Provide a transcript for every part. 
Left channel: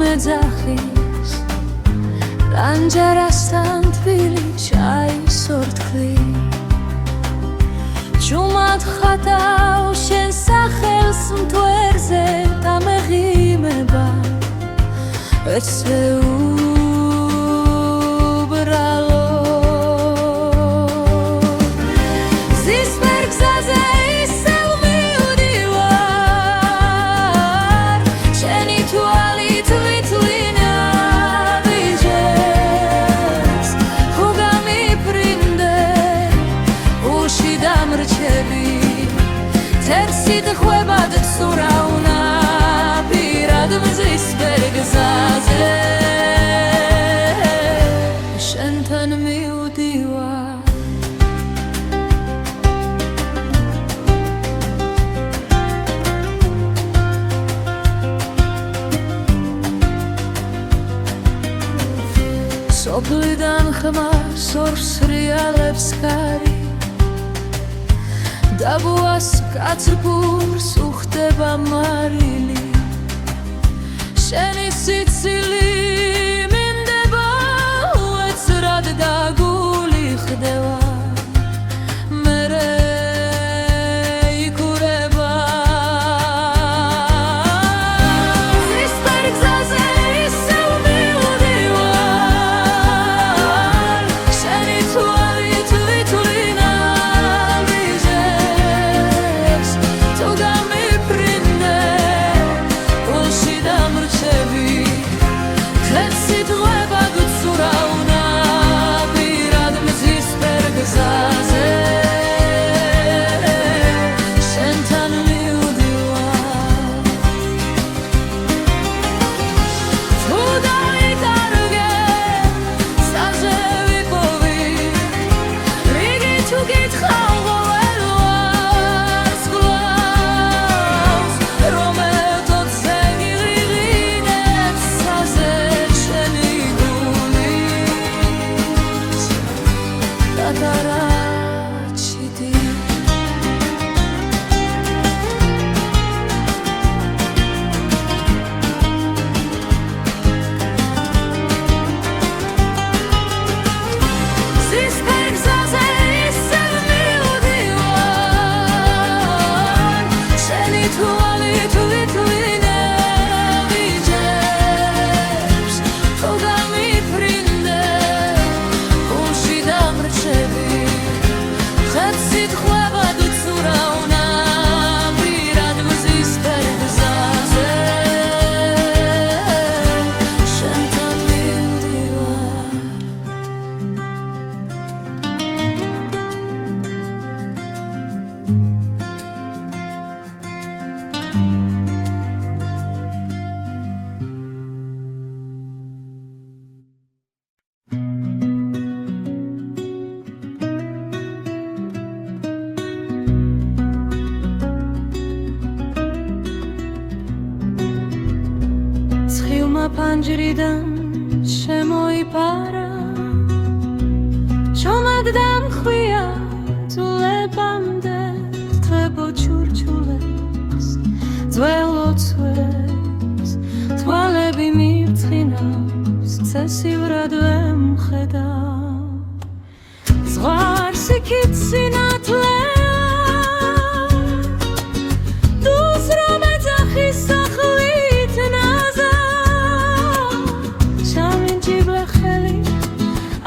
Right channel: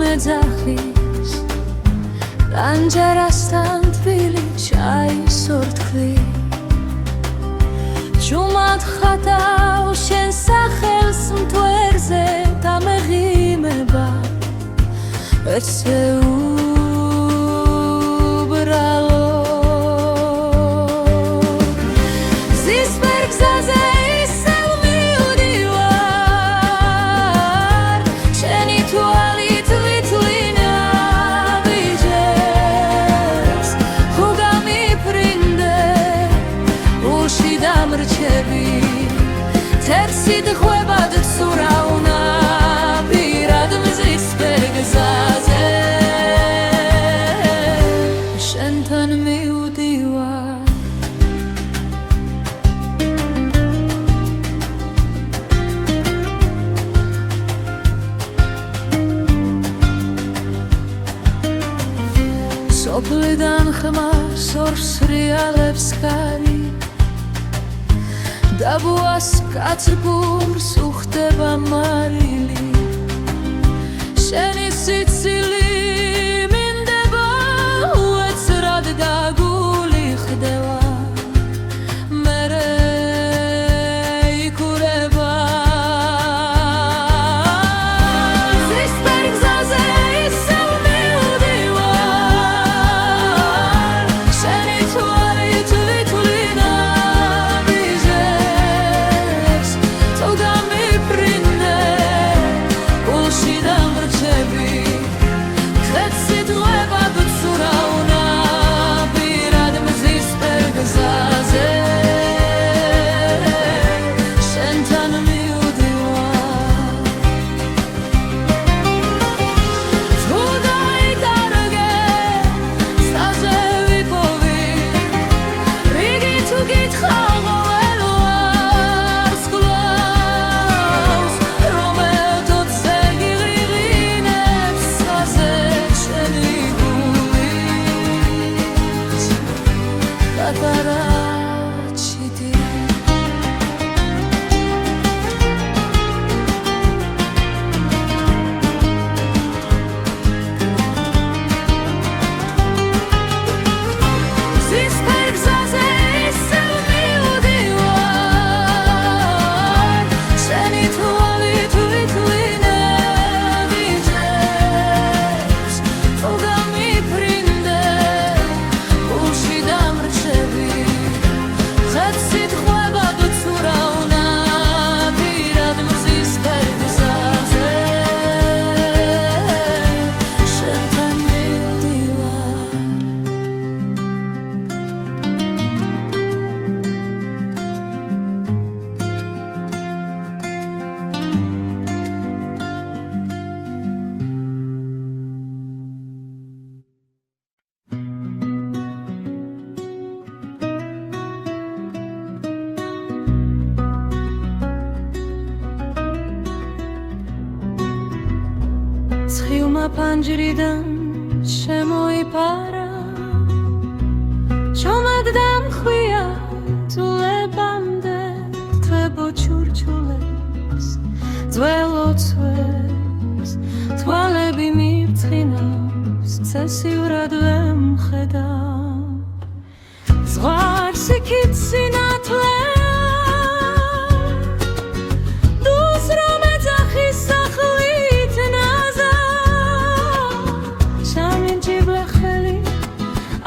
მეძახის რანჯარასთან თბილი ჩაის ორთქლი ჯუმად ხატავ შენ სახელს მთვერზე დამეღიმება ეცეუბრალო ზისფერ გზაზე ისევ მივდივარ შენი თვალით ვითვლინე ვიჯებს ხო გამიფრინდე უში დამრჩები თერსით ხვებად ცურავნა პირად მზისფერ გზაზე შენთან მივდივარ სოფლიდან ხმას ორს რეალებს კარი დაბუას კაცრფურს უხდება მარილი შენი სიცილი მინდება უეცრად და გული ხდება მერე იქურება ზისფერ გზაზე ისევ მივდივარ შენი თვალით ვითვლინე ვიჯებს თუ გამიფრინდე უში დამრჩები თეთსით ღვებად ვცურავნა პირად მზისფერ გზაზე შენთან მივდივარ თუ დაიკარგე სტაზე ვიპოვი რიგი თუ გითხავ ყოველ ვარს კლავს რომ ეთოთ ზეგიღინებს საზე შენი გულის გატარაჩიდი ზისფერ გზაზე ისევ მივდივარ შენი თვალით ვითვლინე ვიჯებს თუ გამიფრინდე გულში დამრჩები ხეთსით ხვებად ვცურავნა პირად მზისფერ გზაზე შენთან მივდივარ ცხილმა ფანჯრიდან შემოიფარა ჩომად დამხვია ძულებამდე თხებო ჩურჩულებს ძველ ოცვებს თვალები მირცხინავს ცესივრად ვემხედავ ზღვარს იქით სინათლეა დუს რომ ეძახის სახლით ნაზა ჩამინჯიბლე ხელი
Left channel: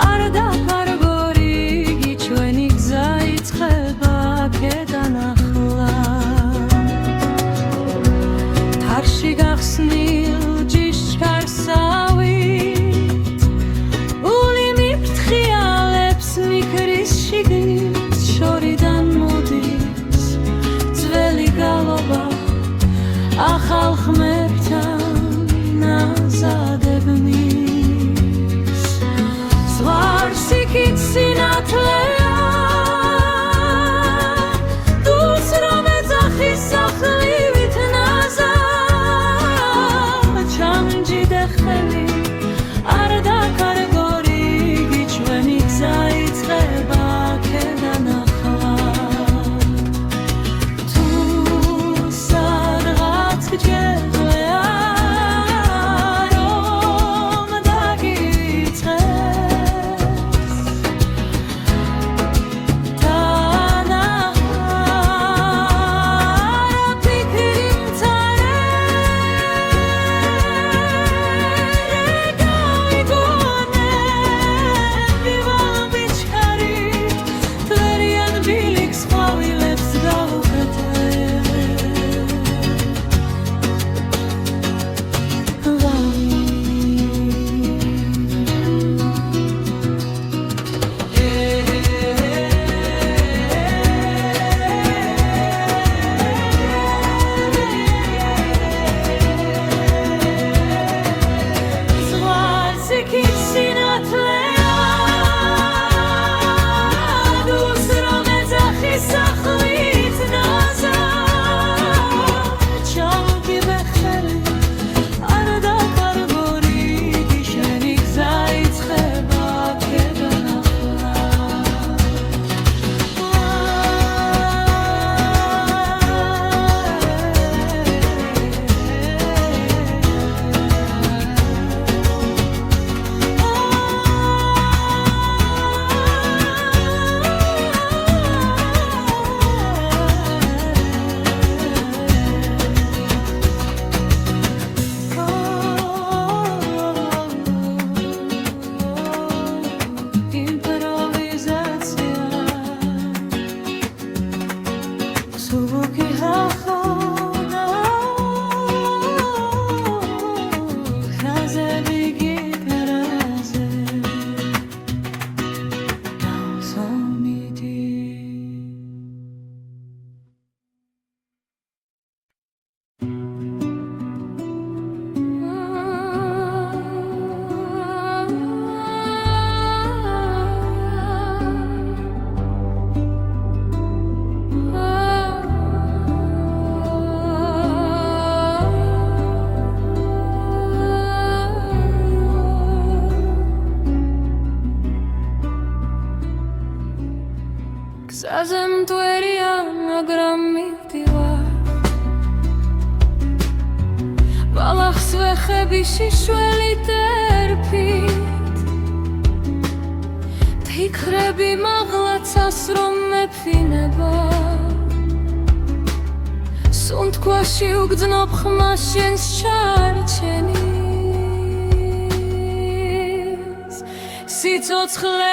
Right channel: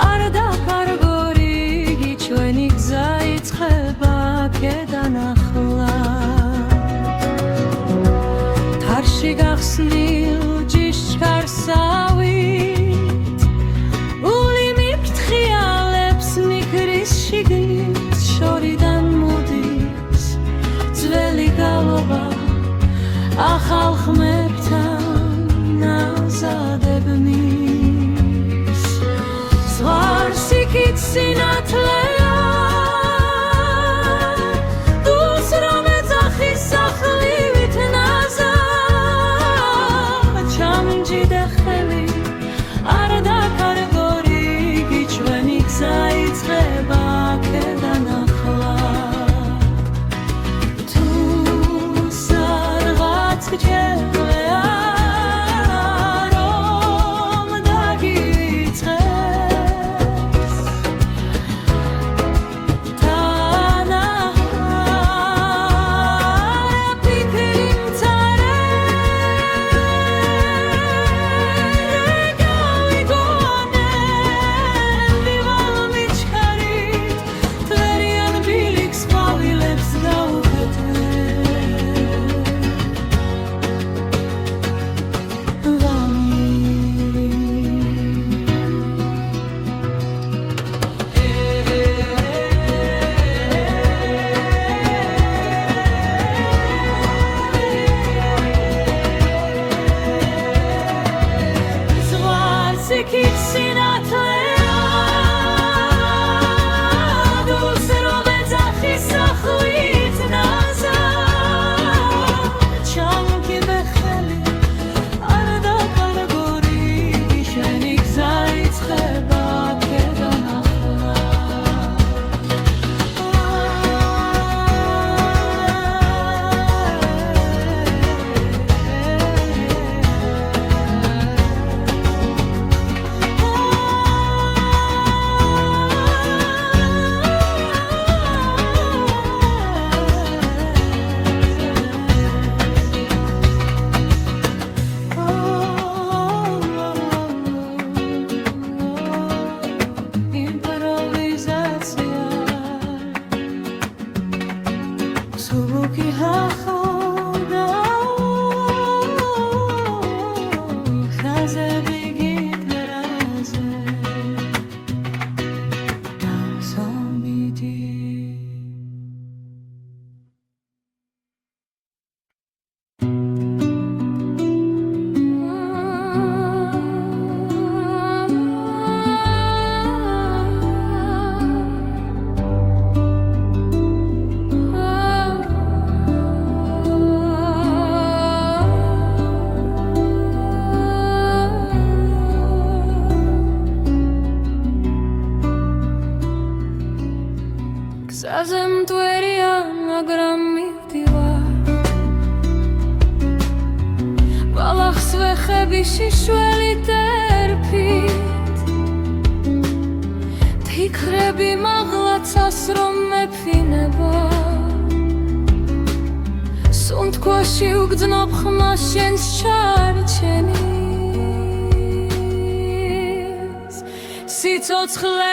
არ დაკარგო რიგი ჩვენი გზა იწყება აქედან ახლა თარში გახსნილ ჯიშკარსავით ული მიფრთხიალებს მიქრის შიგნით შორიდან მოდის ძველი გალობა ახალ ხმებთან ნაზადებნის ზღვარს იქით სინათლეა დუს რომ ეძახის სახლივით ნაზა ჩამჯიდე ხელი არ დაკარგო რიგი ჩვენი გზა იწყება აქედან ახლა თუ სადღაც გჯერა რო იქით სინათლეა დულს რომ ეძახი სახლით ნაზა ჩამოგიბე ხელი არ დაკარგო რიგი შენი გზა იწყება აქედან ახლა Звуки хахода Хазе бегит разе Дансамиди გზაზე მტვერია მაგრამ მივდივარ ბალახს ვეხები შიშველით ერფით თიქრები მაღლაცას რომ მეფინება სუნთქვაში უგრძნობ ხმას შენს ჩარჩენის სიცოცხლე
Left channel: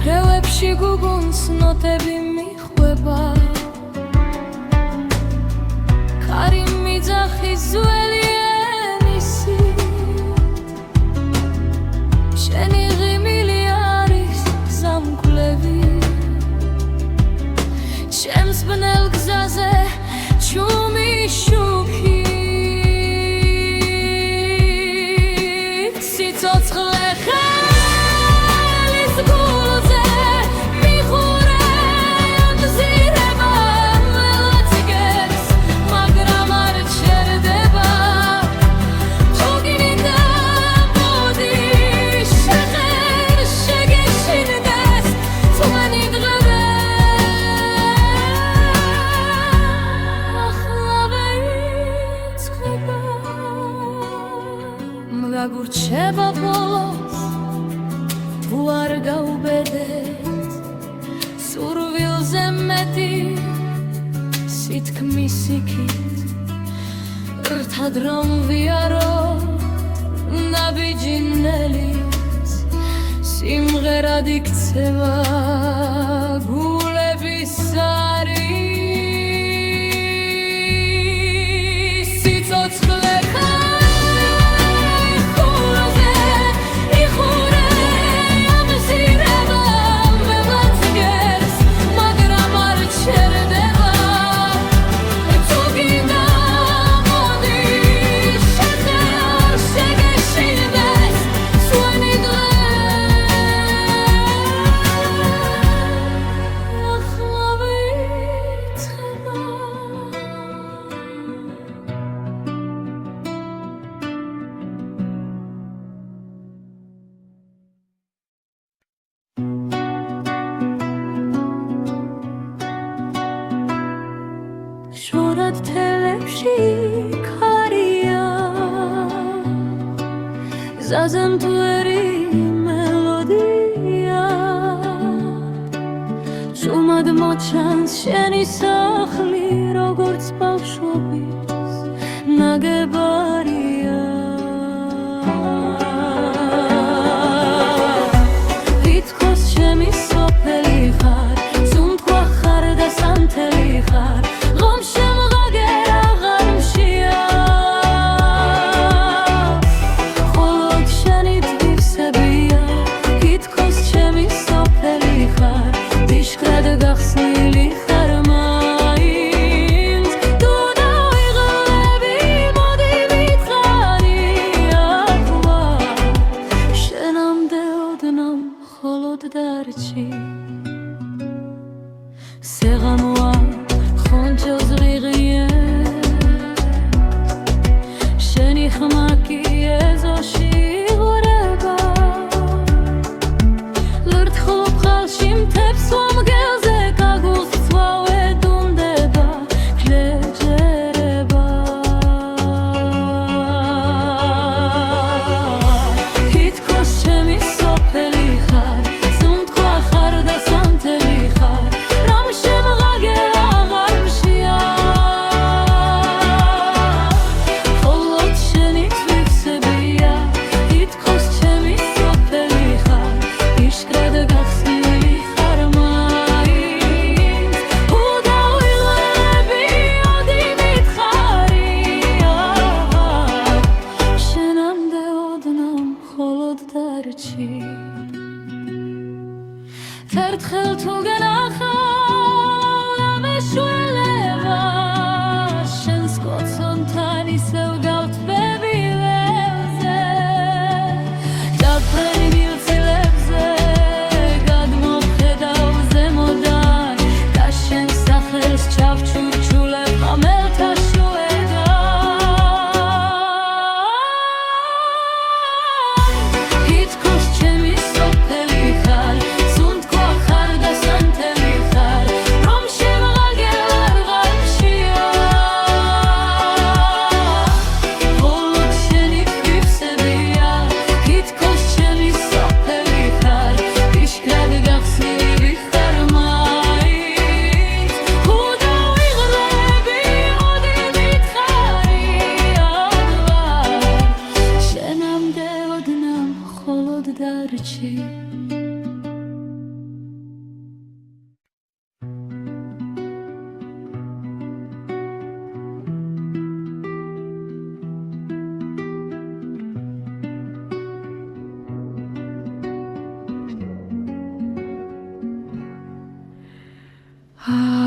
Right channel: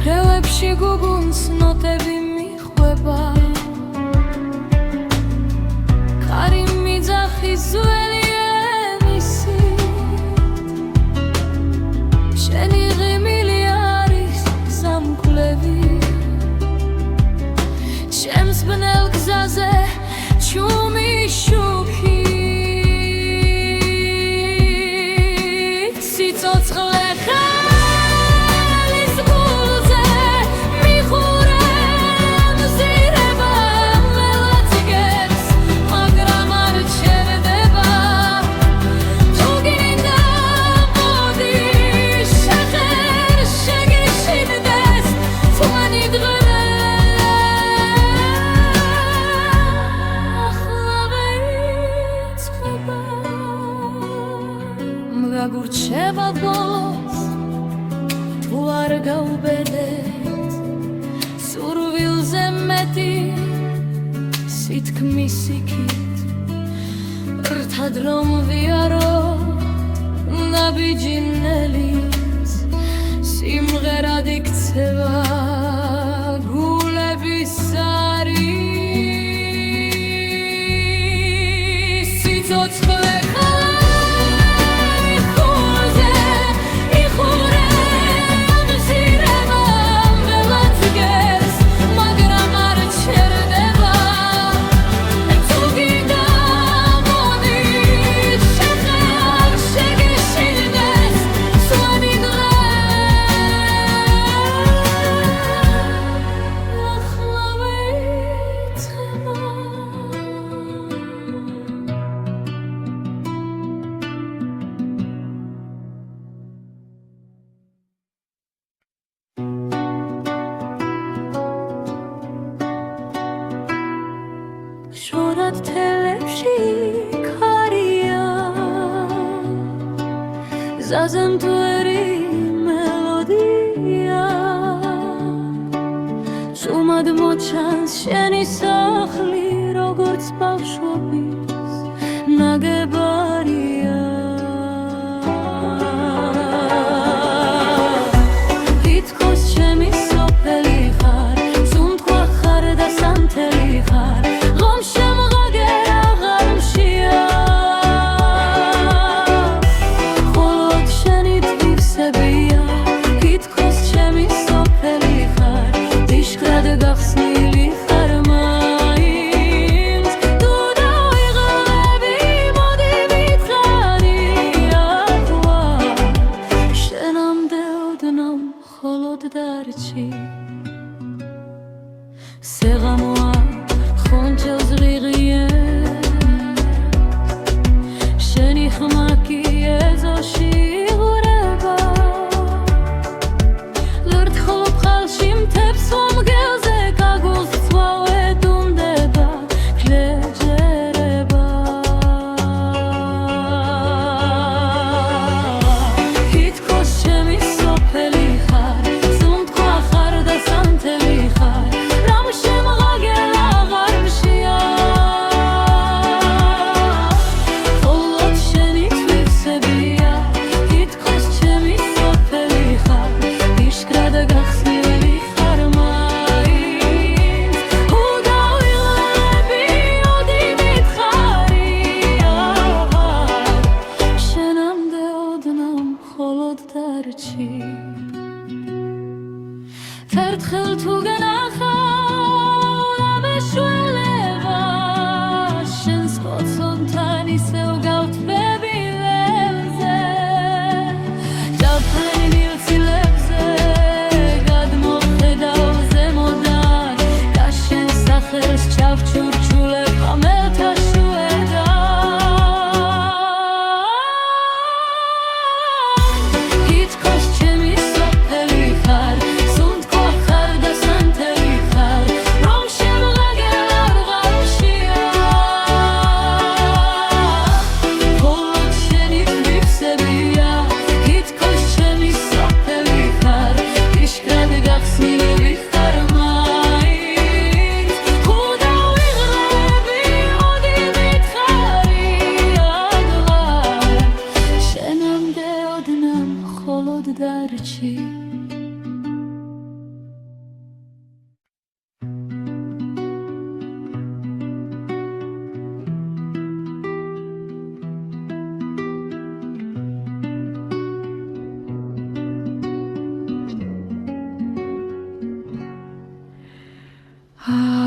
ქრევებში გუგუნს ნოტები მიხვება კარი მიძახი ძველი ენისით შენი ღიმილი არის გზამკვლევი ჩემს ბნელ გზაზე ჩუმი შუქით სიცოცხლე გაგურჩება ბოლოს თუ არ გაუბედეთ სურვილზე მეტი სითქმის იქით რთად რომ ვიარო ნაბიჯინელის სიმღერად იქცევა გულების არის სიცოცხლე შორად თელებში ქარია გზაზე მტვერი მელოდია სუმად მოჩანს შენი სახლი როგორც ბავშვობის ნაგებარია ხარ ღომ შემღაგერ აღარ მშია მხოლოდ შენი თვისებია თითქოს ჩემი სოფელი ხარ დიშქრად გახსნილი ხარ მაინც თუ დავიღლები მოდი ვითხარი ახლა შენამდე ოდნავ მხოლოდ დარჩი სეღამოა ხონჯელს ღრიღიეს შენი ხმა კი ეზოში იღვრება ლურთხულ ბხალში მთებს ვამგელზე კაგულს ვავედუნდება გლეჯერება თითქოს ჩემი სოფელი ხარ სუნთქვა ხარ და სანთელი ხარ რამ შემღაგერ აღარ მშია მხოლოდ შენი თვისებია თითქოს ჩემი სოფელი ხარ იშკრად გახსნილი ხარ მაინც თუ დავიღლები ოდი ვითხარი შენამდე ოდნავ მხოლოდ დარჩი ერთხელ თუ გენახავ ამეშველება შენს კოცონთან ისევ გავთბები ველზე ჯაფრენ მილცილებზე გადმოვხედავ ზემოდან და შენ სახელს ჩავჩურჩულებ ხამელთა შუედან თითქოს ჩემი სოფელი ხარ სუნთქვა ხარ და სანთელი ხარ რომ შემღაგერ აღარ მშია მხოლოდ შენი თვისებია თითქოს ჩემი სოფელი ხარ იშკრად გახსნილი ხარ მაინც თუ დავიღლები ოდი ვითხარი აღარ შენამდე ოდნავ მხოლოდ დარჩი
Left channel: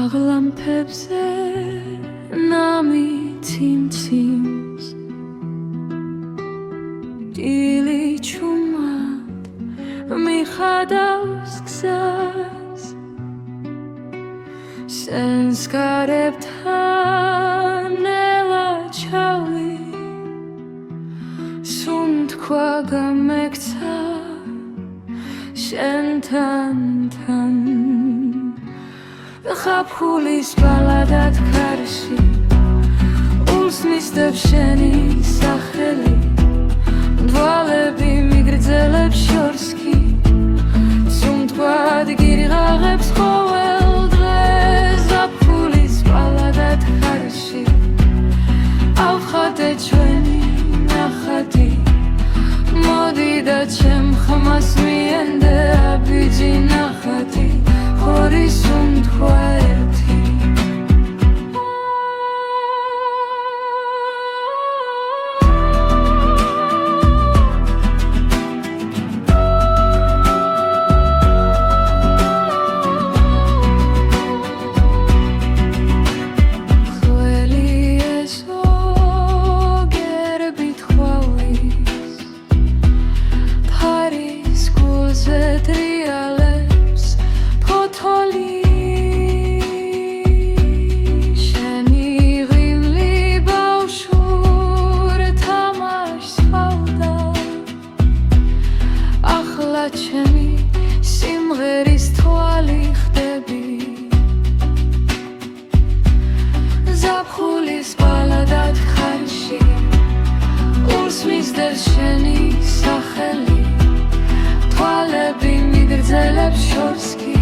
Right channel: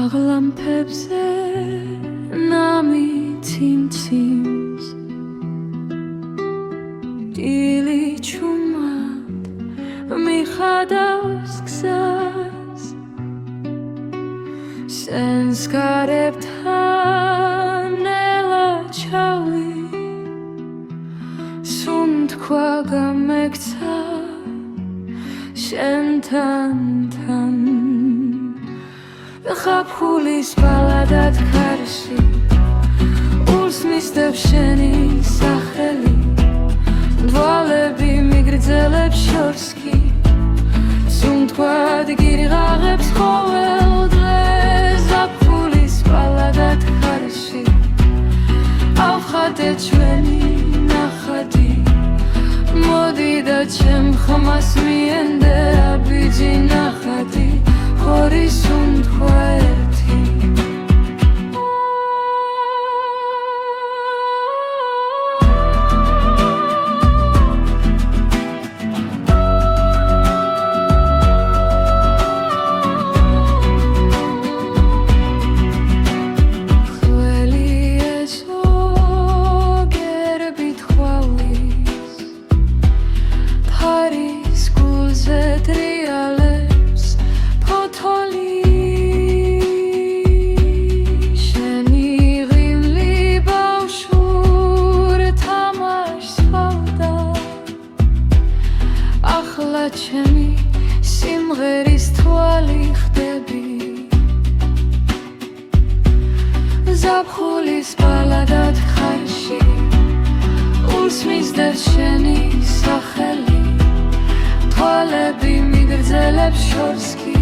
აღლამფებზე ნამი ციმციმს დილი ჩუმად მიხადავს გზას სენს გარებთან ნელა ჩავი სუნთქვა გამექცა შენთან თან ხაფხულის ბალადად ქარში ულს მისდევ შენი სახელი დვალები მიგრძელებს შორს კი სუნთქვად გირღაღებს ყოველ დღეს ზაფხულის ბალადად ქარში ავხატე ჩვენი ნახატი მოდი და ჩემ ხმას მიენდე აბიჯი ნახატი ხორი სუნთქვა ერთი ჩემი სიმღერის თვალი ხდები ზაფხულის ბალადად ხარში ულს მისდევს შენი სახელი თვალები მიგრძელებს შორს კი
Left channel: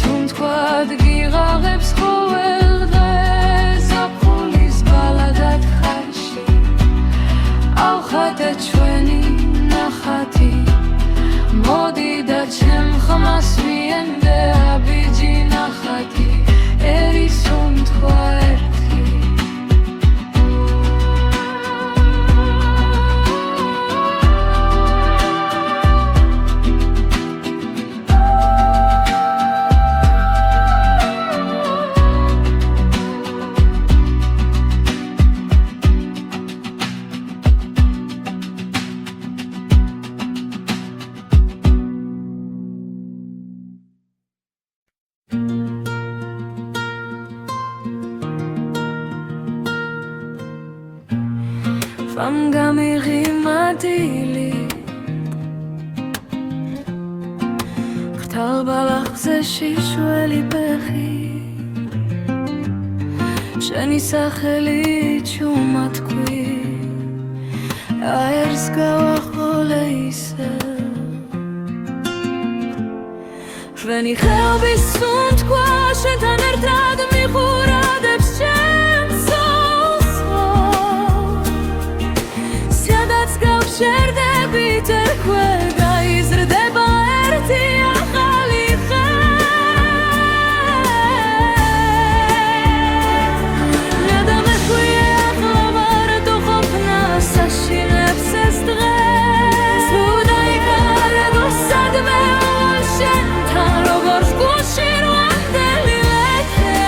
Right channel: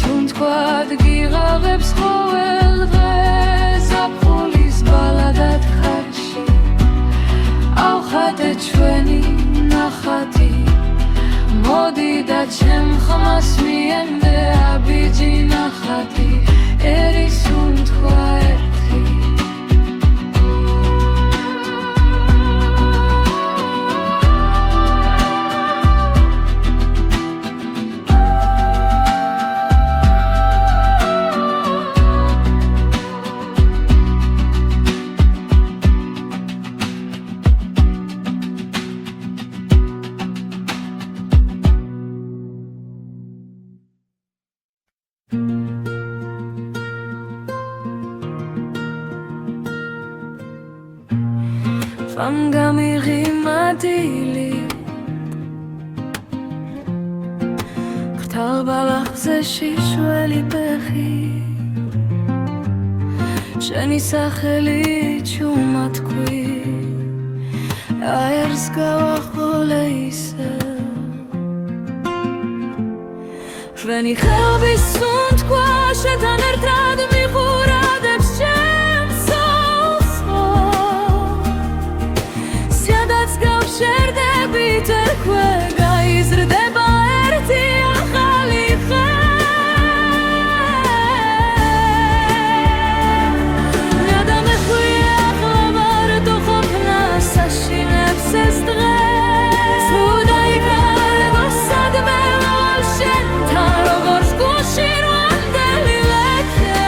სუნთქვად გიღაღებს ყოველ დღეს ზაფხულის ბალადად ხარში ავხატე ჩვენი ნახატი მოდი და ჩემ ხმას მიენდე აბიჯი ნახატი ერის უთქვა ერთი Vam gamighi dili Khtal balagze shishweli bechi Sheni sakheli chumatkui Aers gavakholeise Shveni khelbi suntkwa shetan ertrad mikhuradeps შერდებით ერქვე გაიზრდება ერთი ახალი ხე გადამეხვია ახლა მარტო ყოფნა საშინებს ეს დღე თუ დაიკარგო სადმე ვალ შენთან როგორც გულში რვანდელი ლექე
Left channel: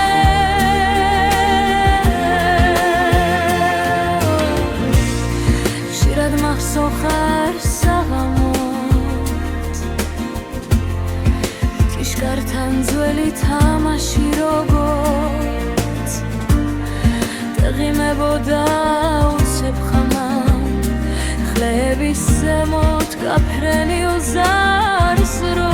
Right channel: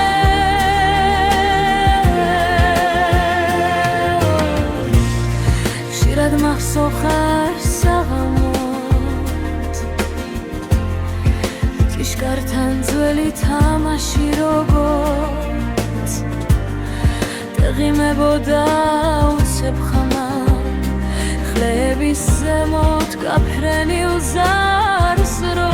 ხშირად მახსოვხარ საღამოთ ჭიშკართან ძველი თამაში როგორც დაღიმებოდა უცებ ხამამ ხლების ზემოთ გაფრენილ ზარს რო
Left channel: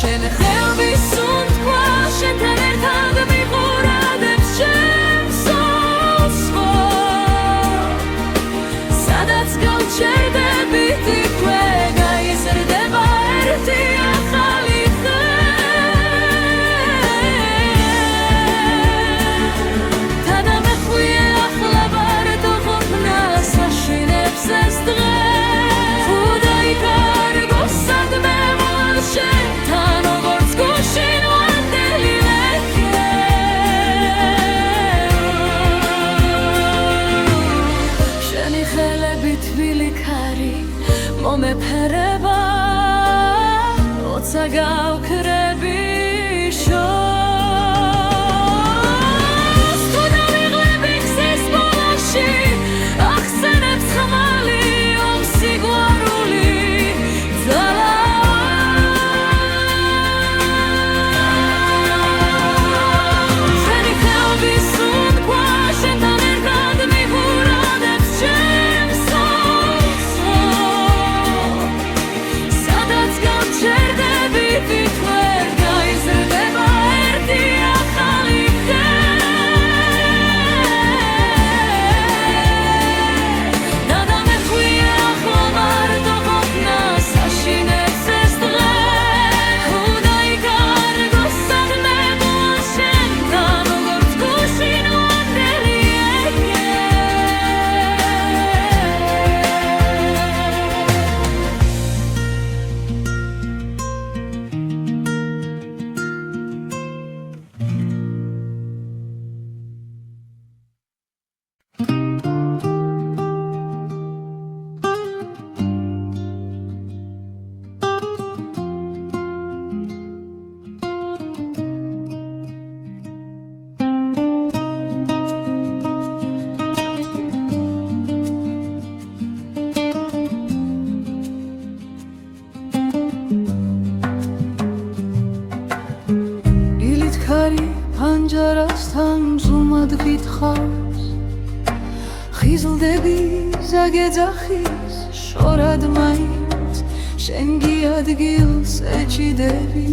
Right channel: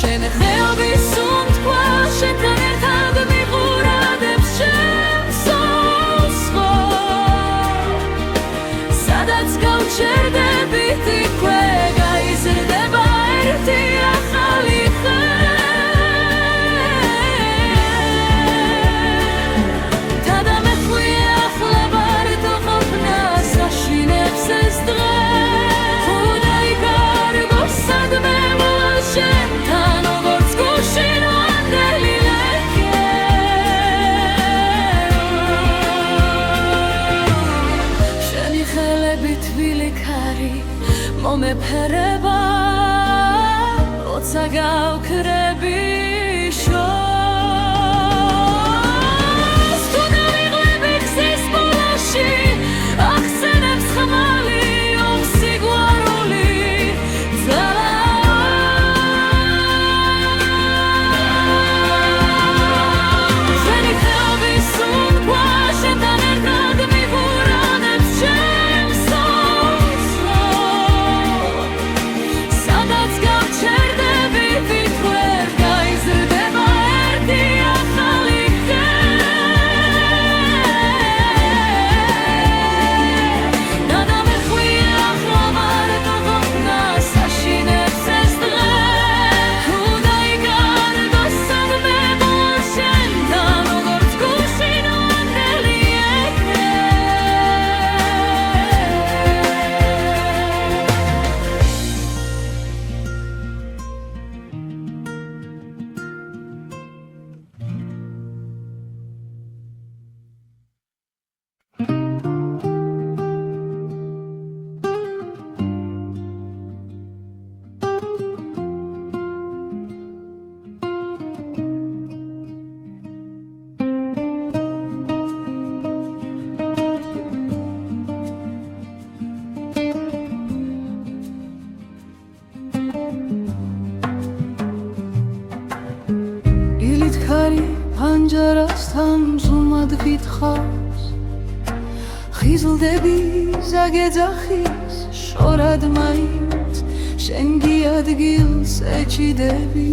შენ ხეობის უთქვა შენთან ერთად მიყურადებს ჩემს სულს სადაც გავჩერდებით იქვე გაიზრდება ერთი ახალი ხე გადამეხვია ახლა მარტო ყოფნა საშინებს ეს დღე თუ დაიკარგო სადმე ვალ შენთან როგორც გულში რვანდელი ლექე შენი ხელები თბილი ქარი მომეფერება ოცა გავქრები შორს თუ დავიღლები ხსის ბოლოში ახსენებს ხმალი ომსიგვარული ძალა შენი ხელების უთქვა შენთან ერთად მიყურადებს ჩემს სულს სადაც გავჩერდებით იქვე გაიზრდება ერთი ახალი ხე გადამეხვია ახლა მარტო ყოფნა საშინებს ეს დღე თუ დაიკარგო სადმე ვალ შენთან როგორც გულში რვანდელი ეკე დილით ქარი ფანჯარასთან ზუმად გითხავს ხიზლდები ზაგეძახის შორად მაინც შენ გიადგილს ეჭიდები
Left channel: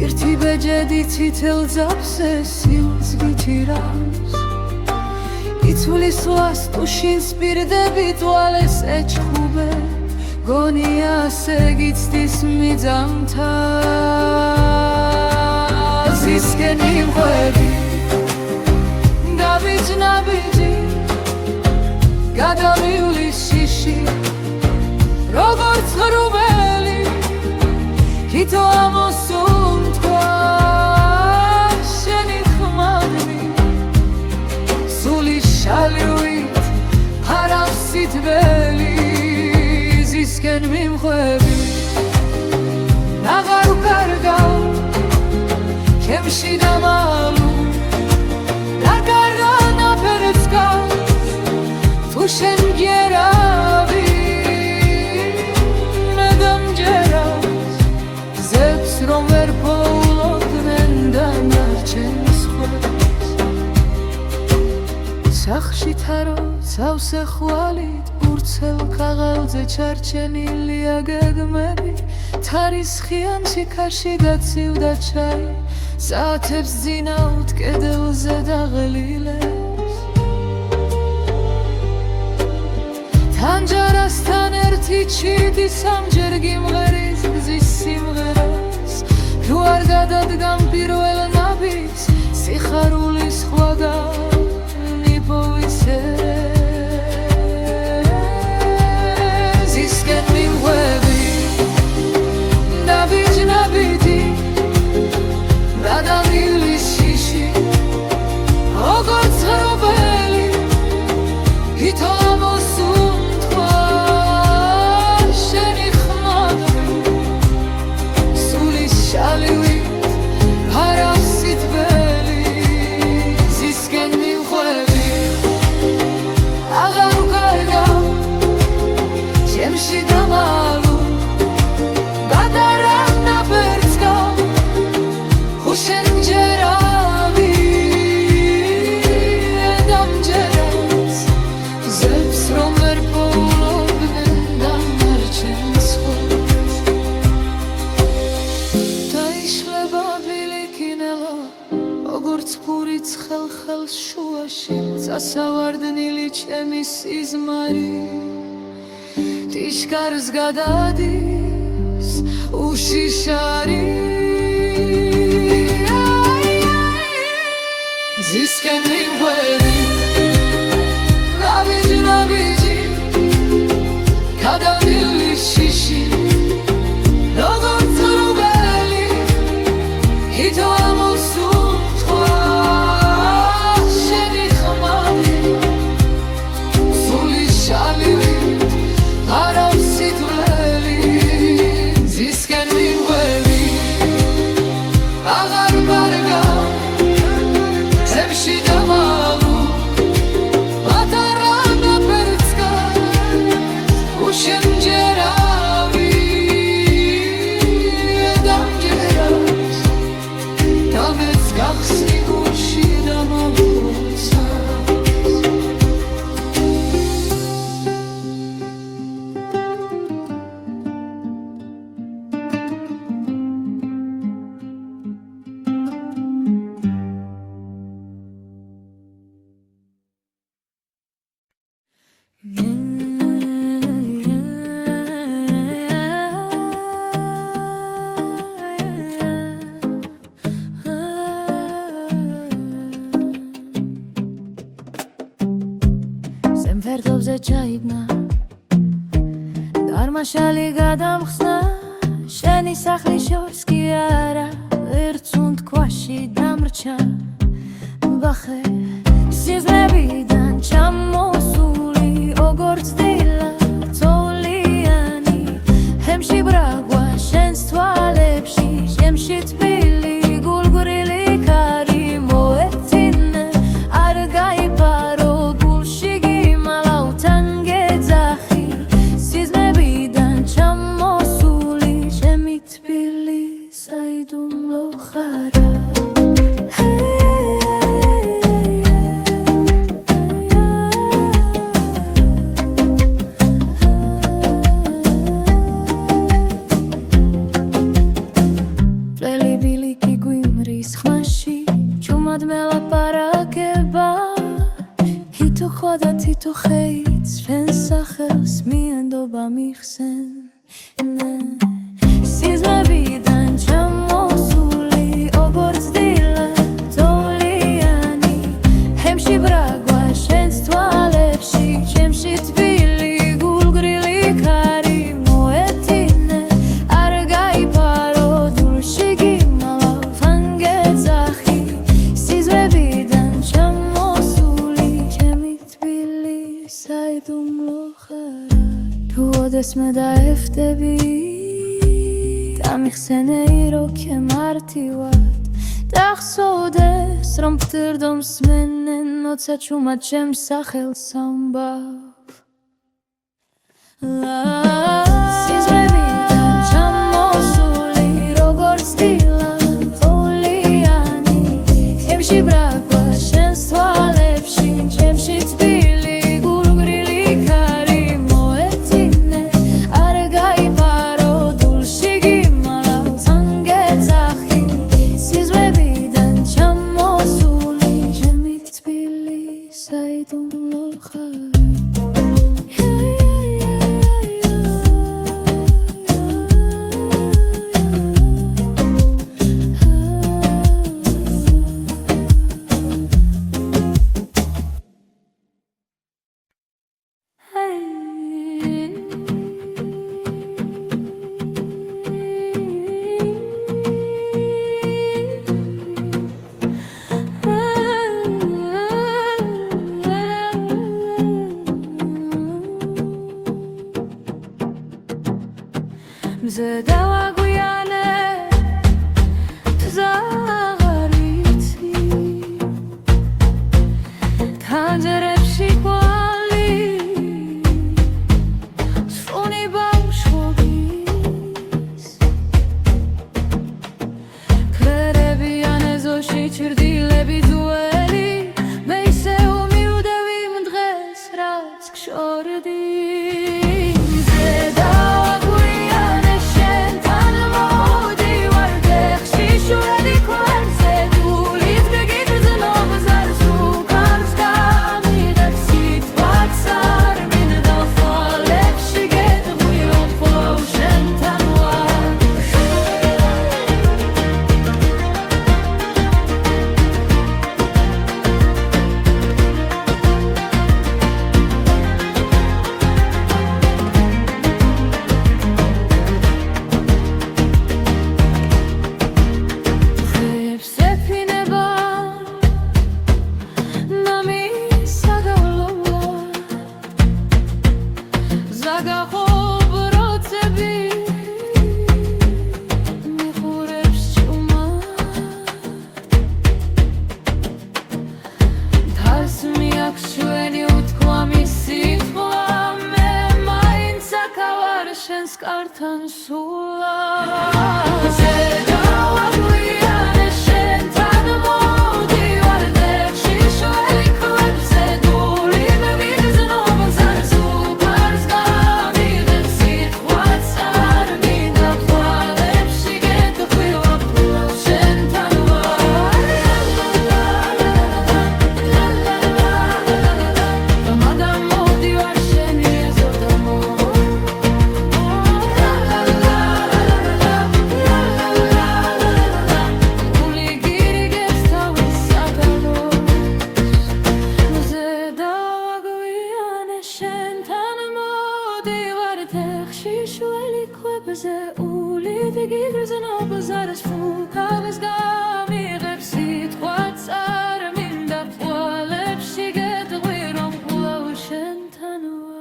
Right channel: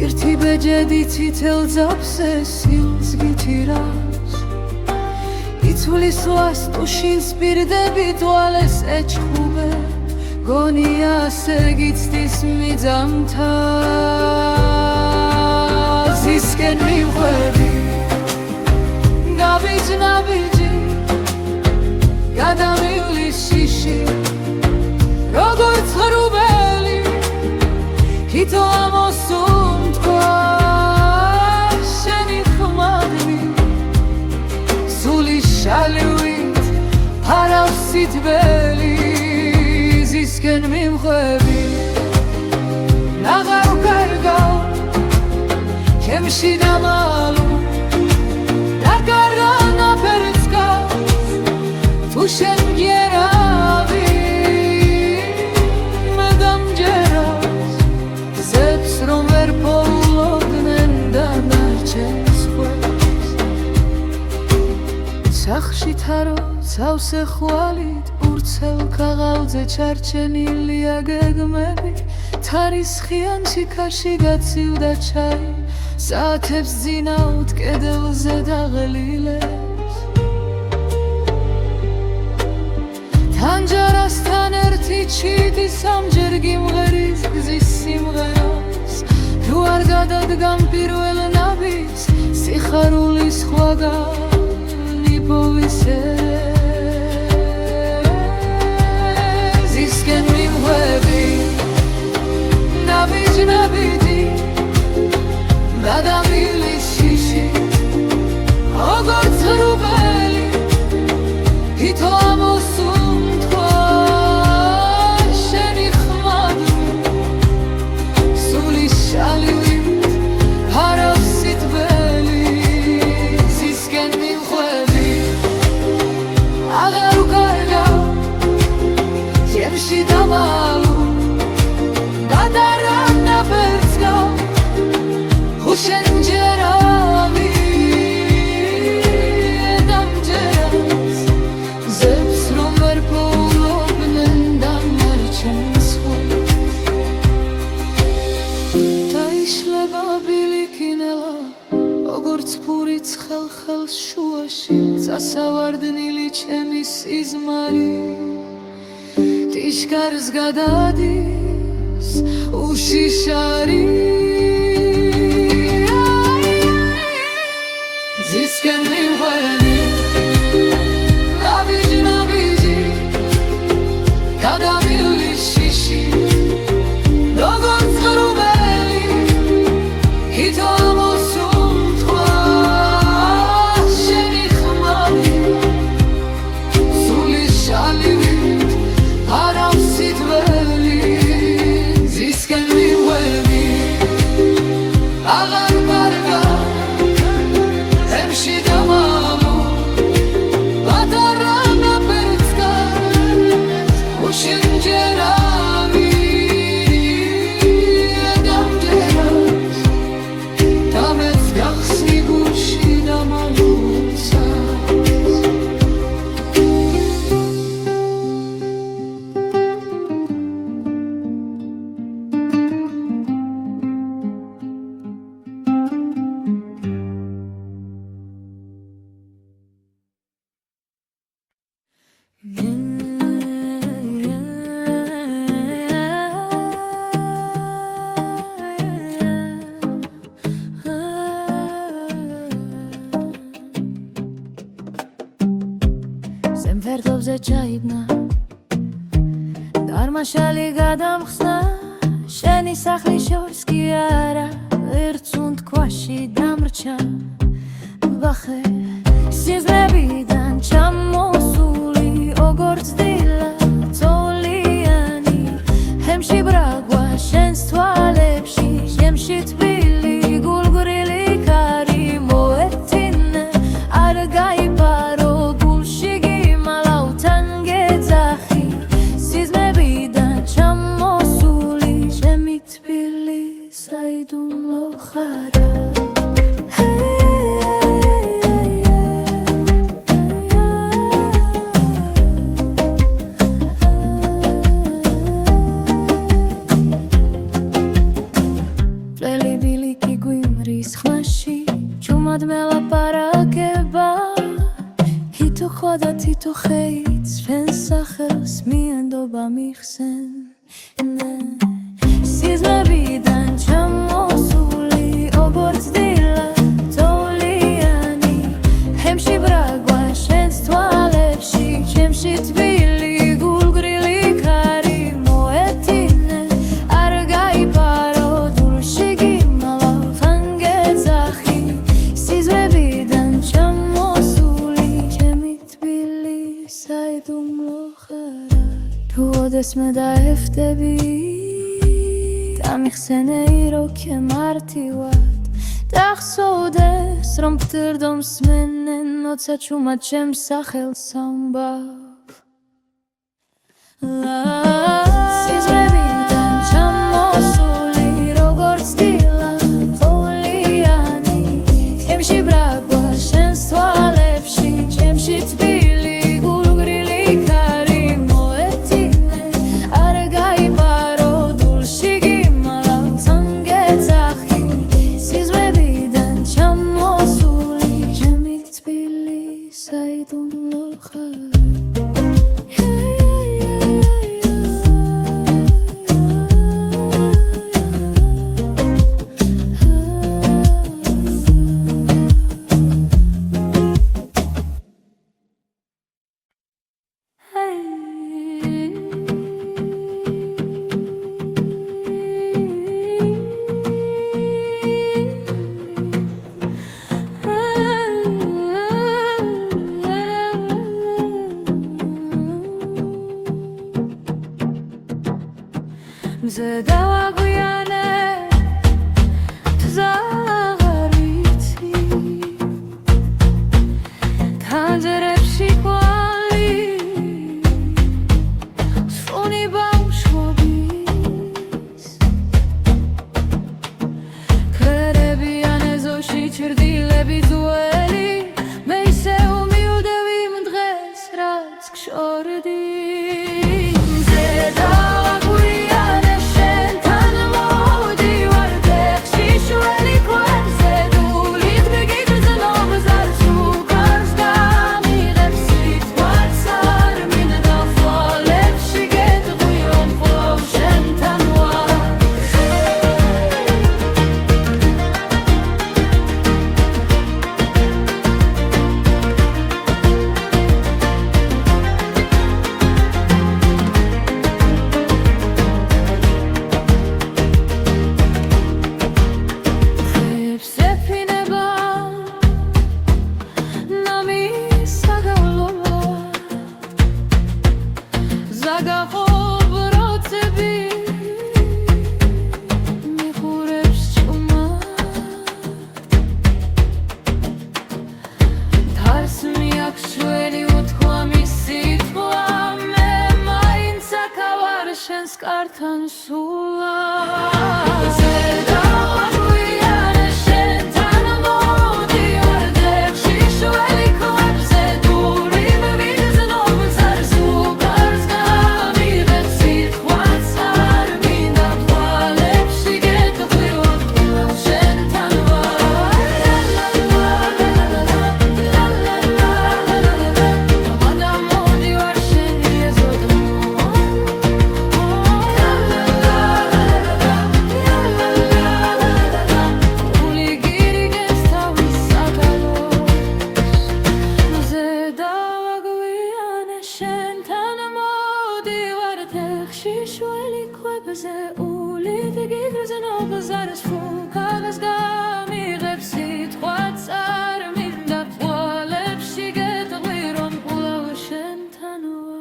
ერთი ბეჯედი ცითელ ძაფზე სილს გიჭირავს იცვლის ლას ტუშინს პირდები თვალეს ეჩხუბე გონია ასე გიცდის მიძამთა ზისკენ მივხვები გაბიჯ-ნაბიჯი გადამივლის შიში როგორც ღრუბელი ითო ამოსუნ თქვა შენი ხმადნი სული შალივით ფარავს სითბელი ზისკენ მიმხვები აღარ ვკარგავ ჩემში დამალუ დარგარა ნაფერს გავს თუ შენ მგერავი მე დამჯერავს ზებს რომ ვერ პოულობდნენ დანარჩენს ხვებს სახში თარო ცავსე ხვალით ურცელ ქაღალდზე ჩარჩენილია გეგმები თარისხიან ჩიქაში გაცივდა ჩაი საათებს ძინავთ კედელზე დაღლილებს თანჯარასთან ერთი ჩიტი სამჯერ გიმღერის გზის სიმღერას თუ არ გადადგამ პირველ ნაბიჯს სიხარულის სხვაგანი povisere ზისკენ მიმხვები ნაბიჯ ნაბიჯი გადამილის შიში როგორც ღრუბელი ითო ამოსუნ თქვა შენი ხმადნი სული შალივით ფარავს სითბელი ზისკენ მიმხვები აღარ ვკარგავ ჩემში დამალუ გადარა ნაფერს გავს შენ მჯერავი დამჯერავს ზებს რომ ვერ პოულობდნენ დანარჩენს ხვებს დაიშლება ბილიკინელა როგორც ფურიც ხელს შუაში წასავარდნილი ჩემი სიზმარი ტიშკარს გადადის უშიშარი ზისკენ მიმხვები ნაბიჯი ნაბიჯი გადამილის შიში როგორც ღრუბელი ითო ამოსუნ თქვა შენი ხმადნი სული შალივით ფარავს სითბელი ზისკენ მიმხვები აღარ ვკარგავ ჩემში დამალუ გადარა ნაფერს გავს შენ მჯერავი დამჯერავს დამეც გახსნი გულში დამალუცა ფერდობზე ჩაიბნა დარმაშალი გადამხსნა შენი სახლის შორს კი არა ერთუნ თქვაში დამრჩა ბახე სიზმრებიდან ჩამოსული როგორც დილა წოლიანი ჰემში ბრაგვა შენს თვალებში შემში თბილი გულგრილი ქარი მოეთინე არ გაიფარო ხვადა თითო ხეიც ჩვენს სახელს მიენდობა მიხსენ სიზმრებიდან ჩამოსული როგორც დილა წოლიანი ჰემში ბრაგვა შენს თვალებში ჩემში თბილი გულგრილი ქარი მოეთინე არ გაიფარო თუ ოდესმე დაეხვდები დამიხსენეი როქე მარტივად დახსოვდეს რომ ფთირდო მსმენენ როცა ჩუმად ჩემს სახელს ამბავ სიზმრებიდან ჩამოსული როგორც დილა თოვლიანი ჩემში ბრაგვა შენს თვალებში ჩემში თბილი გულგრილი ქარი მოეთინე არ გაიპარო დულში გიმალავს ანგეცახი სიზმრებიდან ჩამოსული ჩემი თბილი საიდუმლო ხარ მზე დავაგვიანე თზაღარ ვიცი თანჯერებში კვალი სუნი ბავშვობის ქერებიან ეზოში ჩრდილები ძველი მე ისე უმიუდევი იმ დღეს რაც გშორდი ზაგახობ როცები მიხურებს ჭუმად დარს მიაქვს ჩვენი უთქვამი სიტყვა მე მაინც აქავარ შენს კართან სულად ბაზარს ფუკავს გამიღებს სიტყვაც არ მინდა ფვალებში გეტყვი რომ კვლავ შენთან ვარ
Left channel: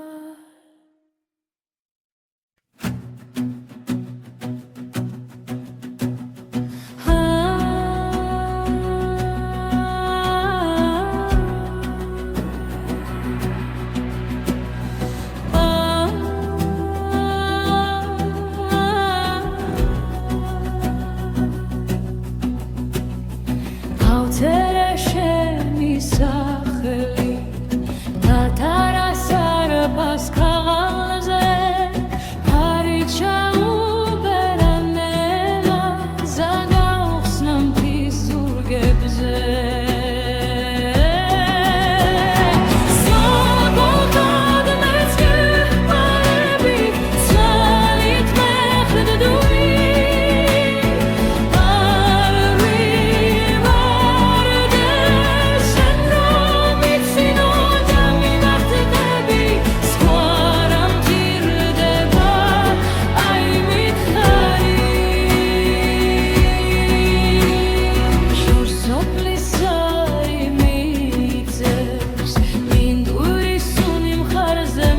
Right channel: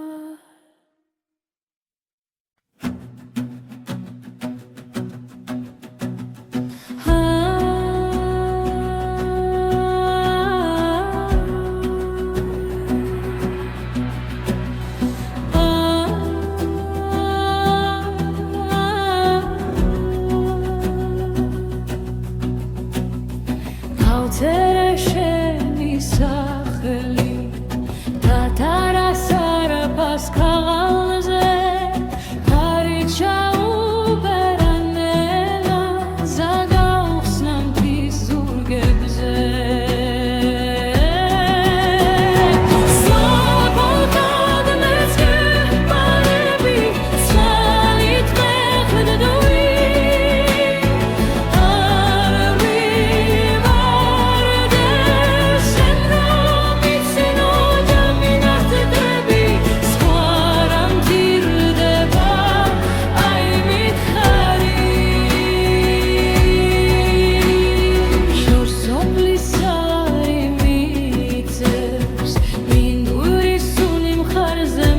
სახელი დათარასარ პასკალზე ხარი ჩაუბერანელა ზაგაუხსნა მთის ზურგებზე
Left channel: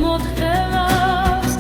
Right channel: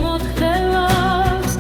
მოთხევავს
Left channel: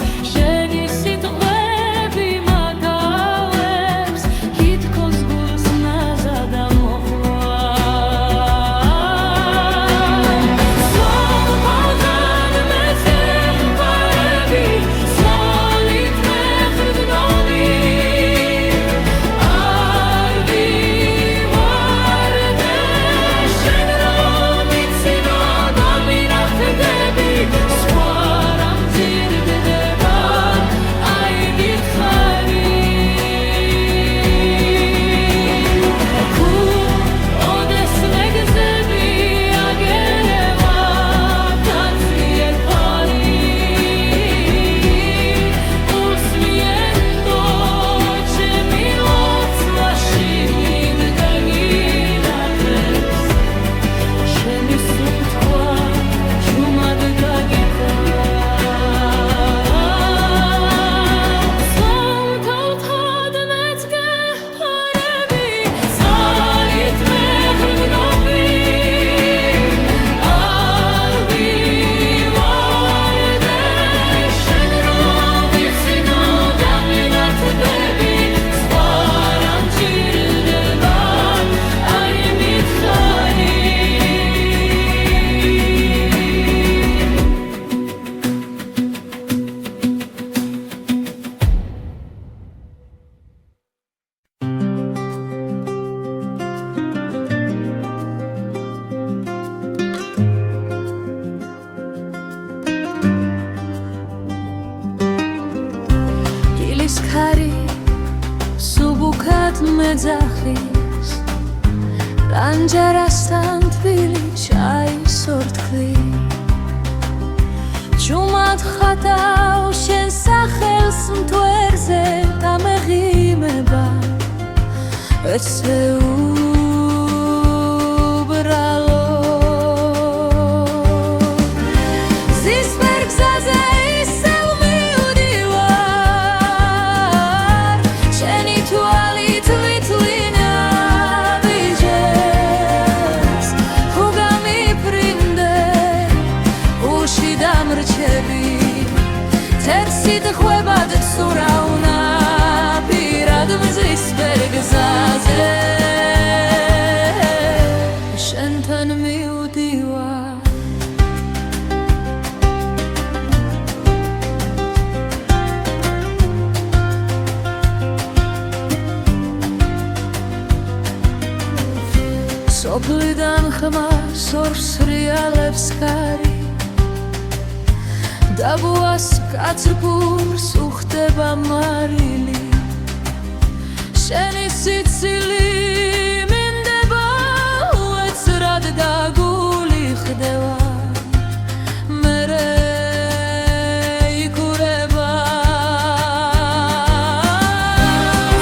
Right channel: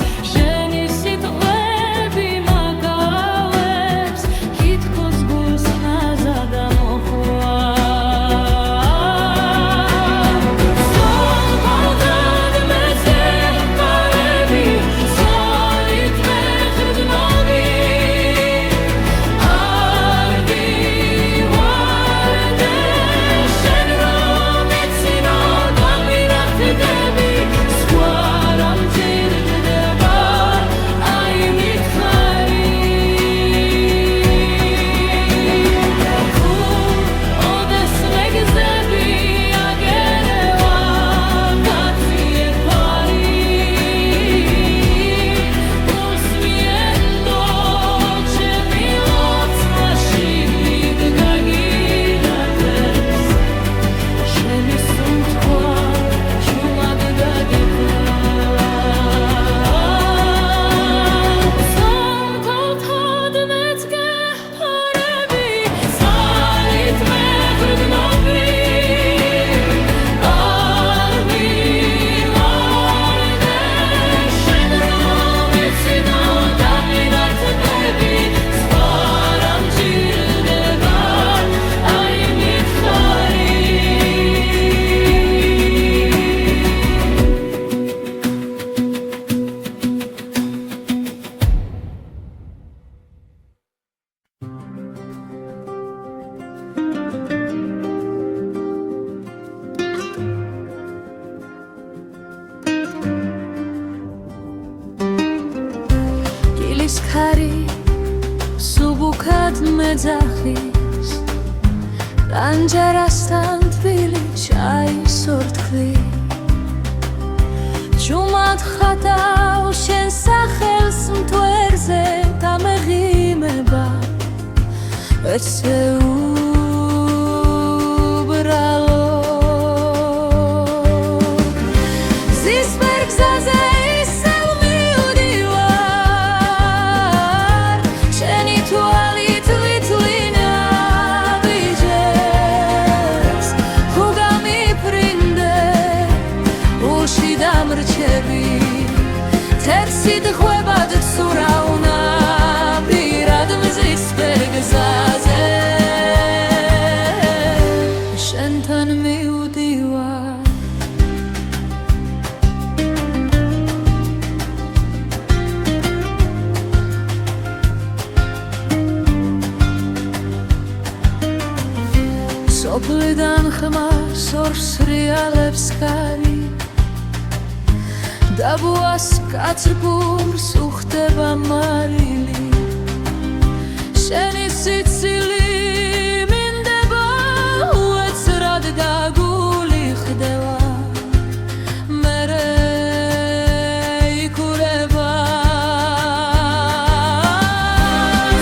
ქარი სუბუქად მეძახის რანჯარასთან თბილი ჩაის ორთქლი ჩუმად ხატავ შენ სახელს მტვერზე დამეღიმება ეცე უბრალო ზისპერ გზაზე თერსით ხვებად ცურავნა პირად მზის პერგზაზე შენთან მივდივარ სოფლიდან ხმას ორს რეალებს ქარი დაბუას კაცრფურს უხდება მარილი შენი სიცილი მინდება უეცრად დაგული ხდება მერე იქურება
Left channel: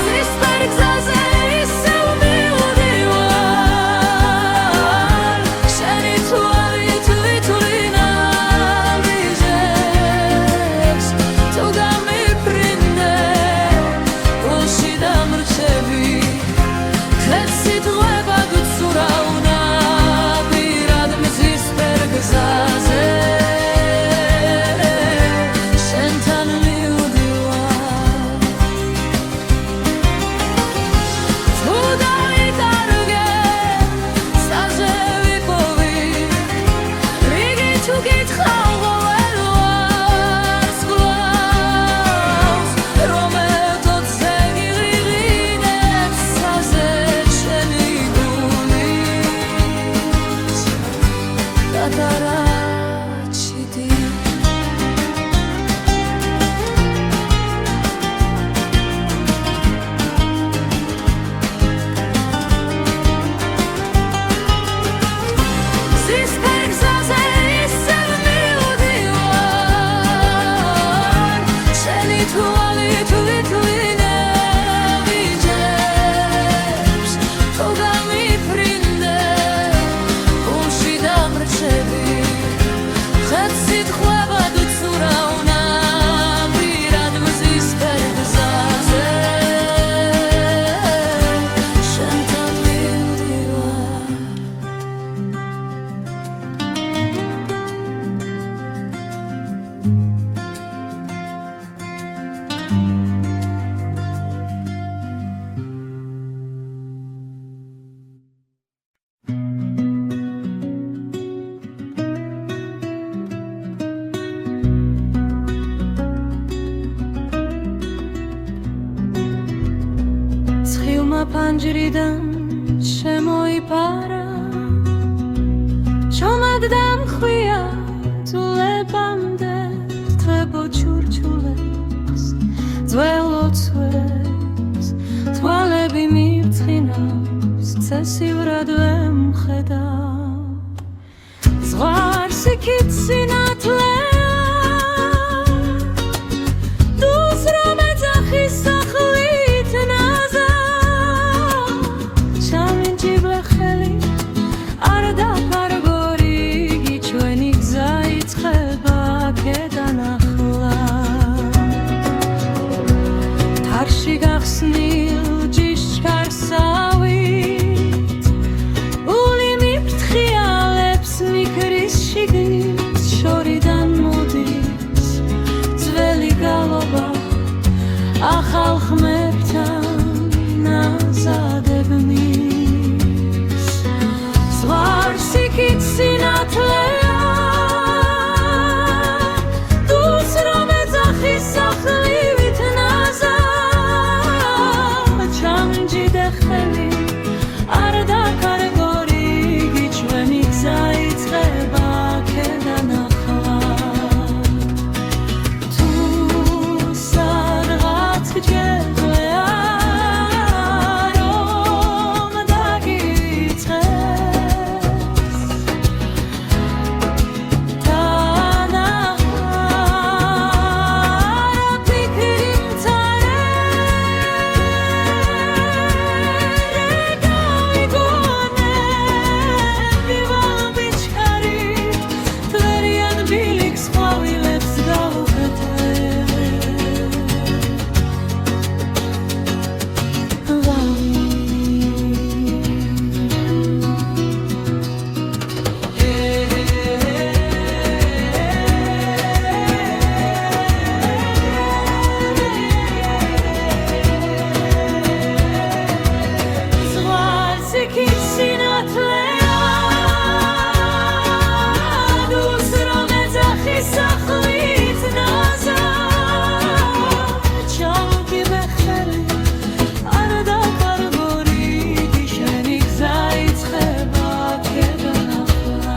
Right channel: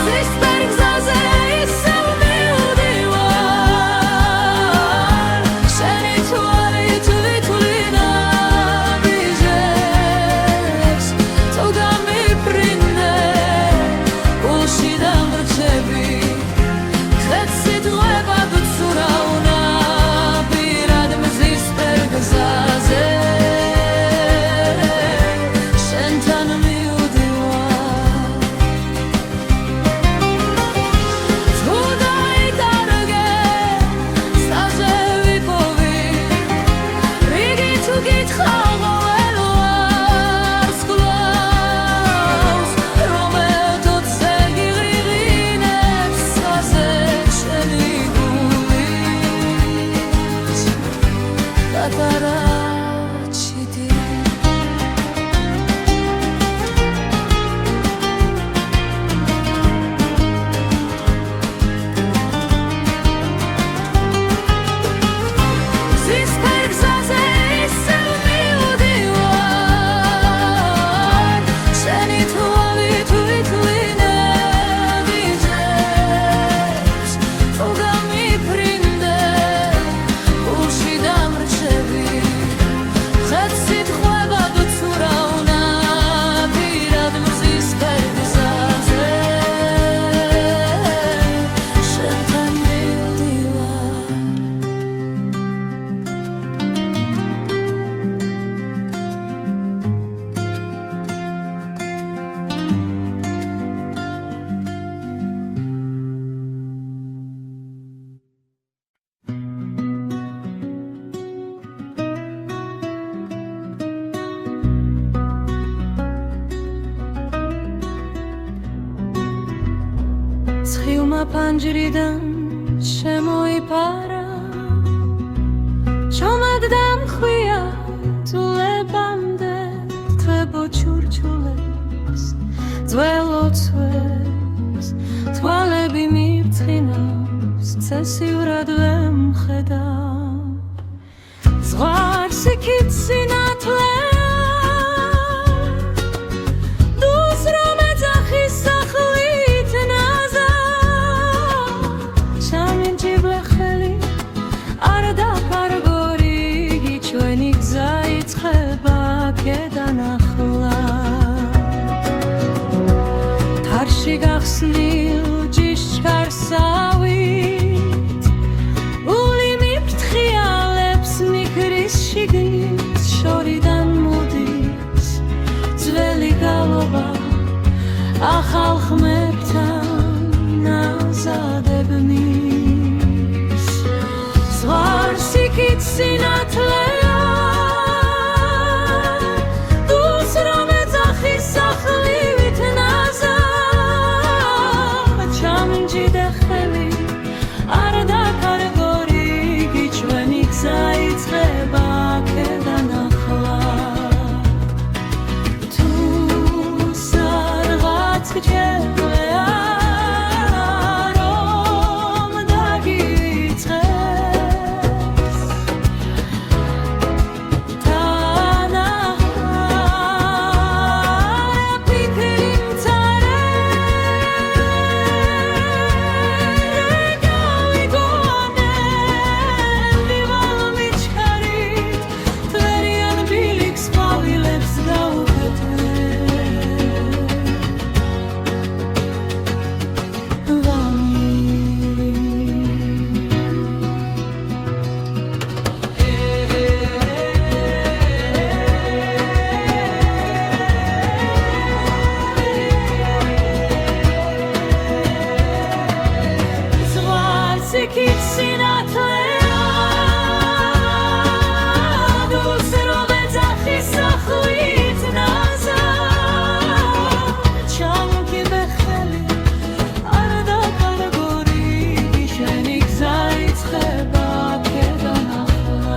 ზისპერ გზაზე ისევ მივდივარ შენი თვალით ვითვლინა თეთსით ღვებად უცურავნა პირად მზის პერგზაზე შენთან მივდივარ თუ დაიკარგე სტაზე ვიპოვი რიგი თუ გითხავ ყოველ ვარს გლავს რომ ეთოთზე გიღრიღინებს საზე Tataraçidi Zisper gzaze issev mivdivar Sheni tuvalit vitline vijeps Toga mi prinde Ulshi დამრჩები ხეთსით ხვებად უცურავნა პირად მზის პერგზაზე შენთან მივდივარ ცხილმა ფანჯრიდან შემოიფარა ჩომად დამხვია თულებამდე თვებო ჩურჩულებს ძველოცვებს თვალები მივწყინავს ცესიურად ვემხედავ ზღვარს იქით სინათლე დუს რომ ეძახის სახლით ნაზა არ დაფარგო რიგი ჩვენი გზა იწყება სახლში გახსნილ ჯიშჩარსავით ული მიფრთხიალებს მიქრის შიგნით შორიდან მოდის ძველი გალობა ახალ ხმებთან ნაზადებნის ზღვარს იქით სინათლეა დუს რომ ეძახის სახლივით ნაზად ჩამჯიდე ხელი არ დაკარგორი გიჩვენი გზა იწყება აქედან ახლა თუ სადღაც გჯერია რომ დაგიწყეს თანაჰარა ფიქრი მცარე გავიგონები ვალმიჩქარით თვერიან ბილიქს ყვავილებს გავუკეთე იქით სინათლეა დუს რომ ეძახის სახლით ნაზად ჩამკიდე ხელი არ დაკარგორი შენი გზა იწყება აქედან ახლა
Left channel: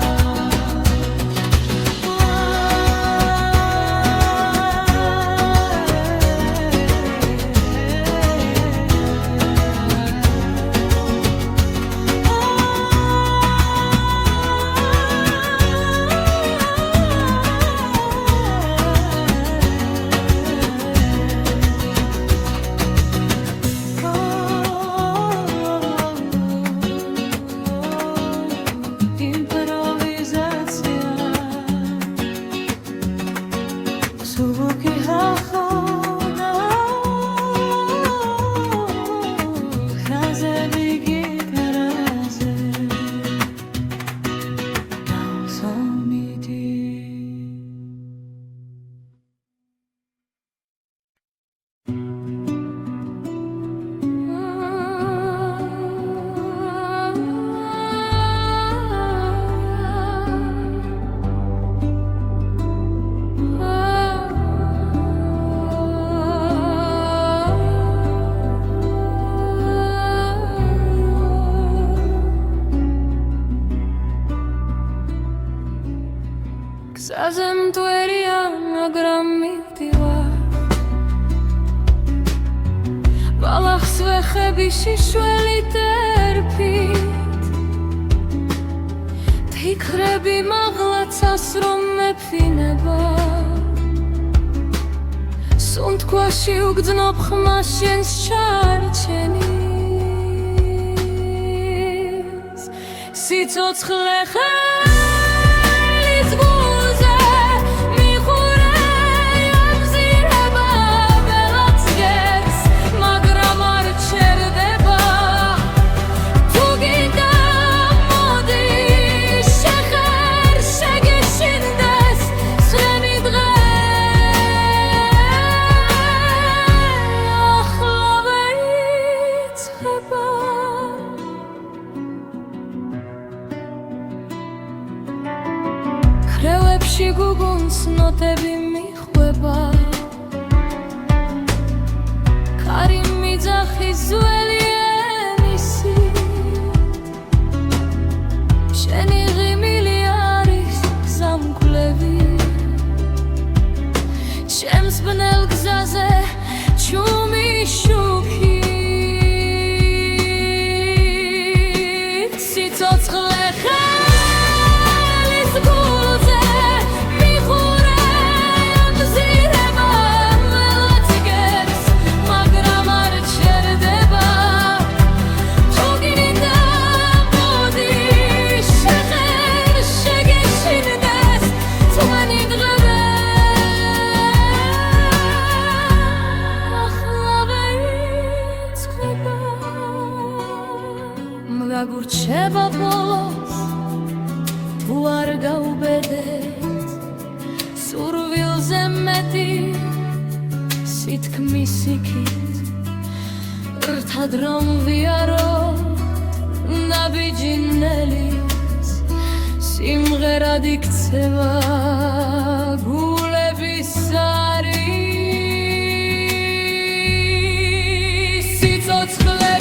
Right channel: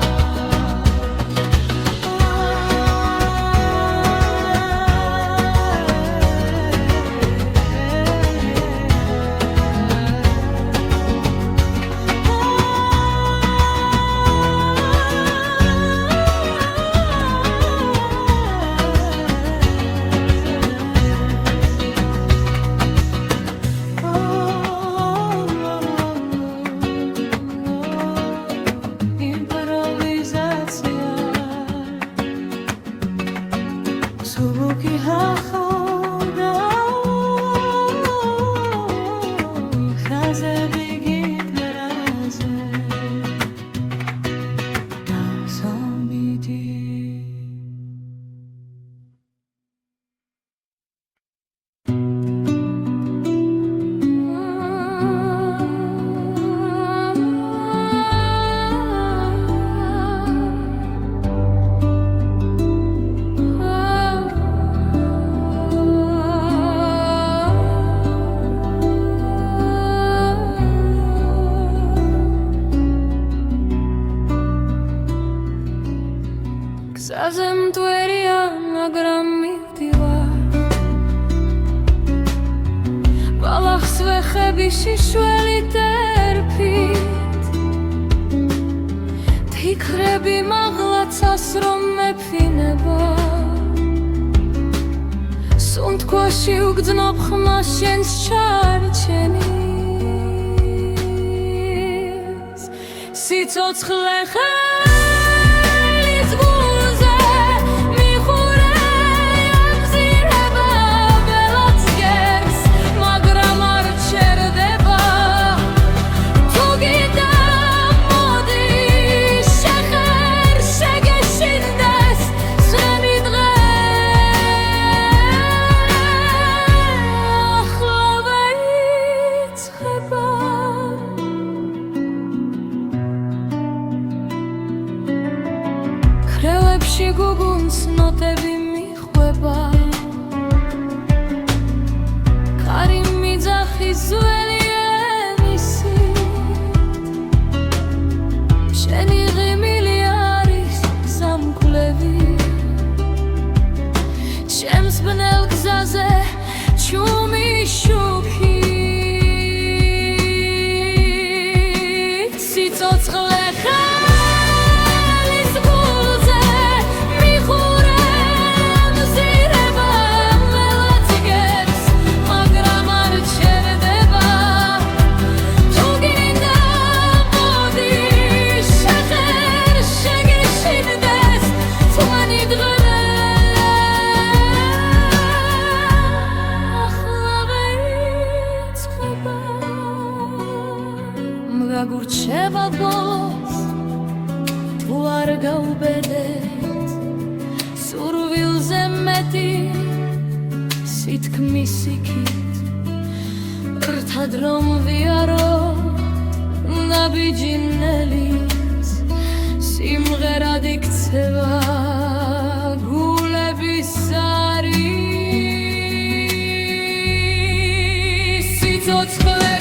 იმპროვიზაცია სუბუქი ჰახოდა ხაზები გიქრაზე გასამიდი გზაზე მტვერია მაგრამ მივდივარ ბალახს ვეხები შიშველით ერფით ფიქრები მაღლაცას რომ მეფინება სუნთქვაში უგრძნობ ხმას შენს ჩარჩენის სიცოცხლე ხელის გულზე მიხურე ამზირება ბელაც გერს მაგრამ არ ჩერდება თუ გინდა მოდი შეხერ შეგეშინდეს სრემი დღე ახლა ვეიწყება ქრევებში გუგუნს ნოტები მიხვება კარი მიძახის ძველი ენისით შენი ღიმილი არის გზამკვლევი ჩემს ბნელ გზაზე ჩუმი შუქით სიცოცხლე ხელის გულზე მიხურე ამზირება ველაც გერს მაგრამ არ ჩერდება თუ გინდა მოდი შეხერ შეგეშინდეს თვენი დღე ახლა ვეიწყება რჩება ბოლოს თუ არ გაუბედეთ სურვილზე მეტი სითქმის იქით რთად რომ ვიაროთ ნაბიჯინელის სიმღერად იქცევა გულების სარი სიცოცხლე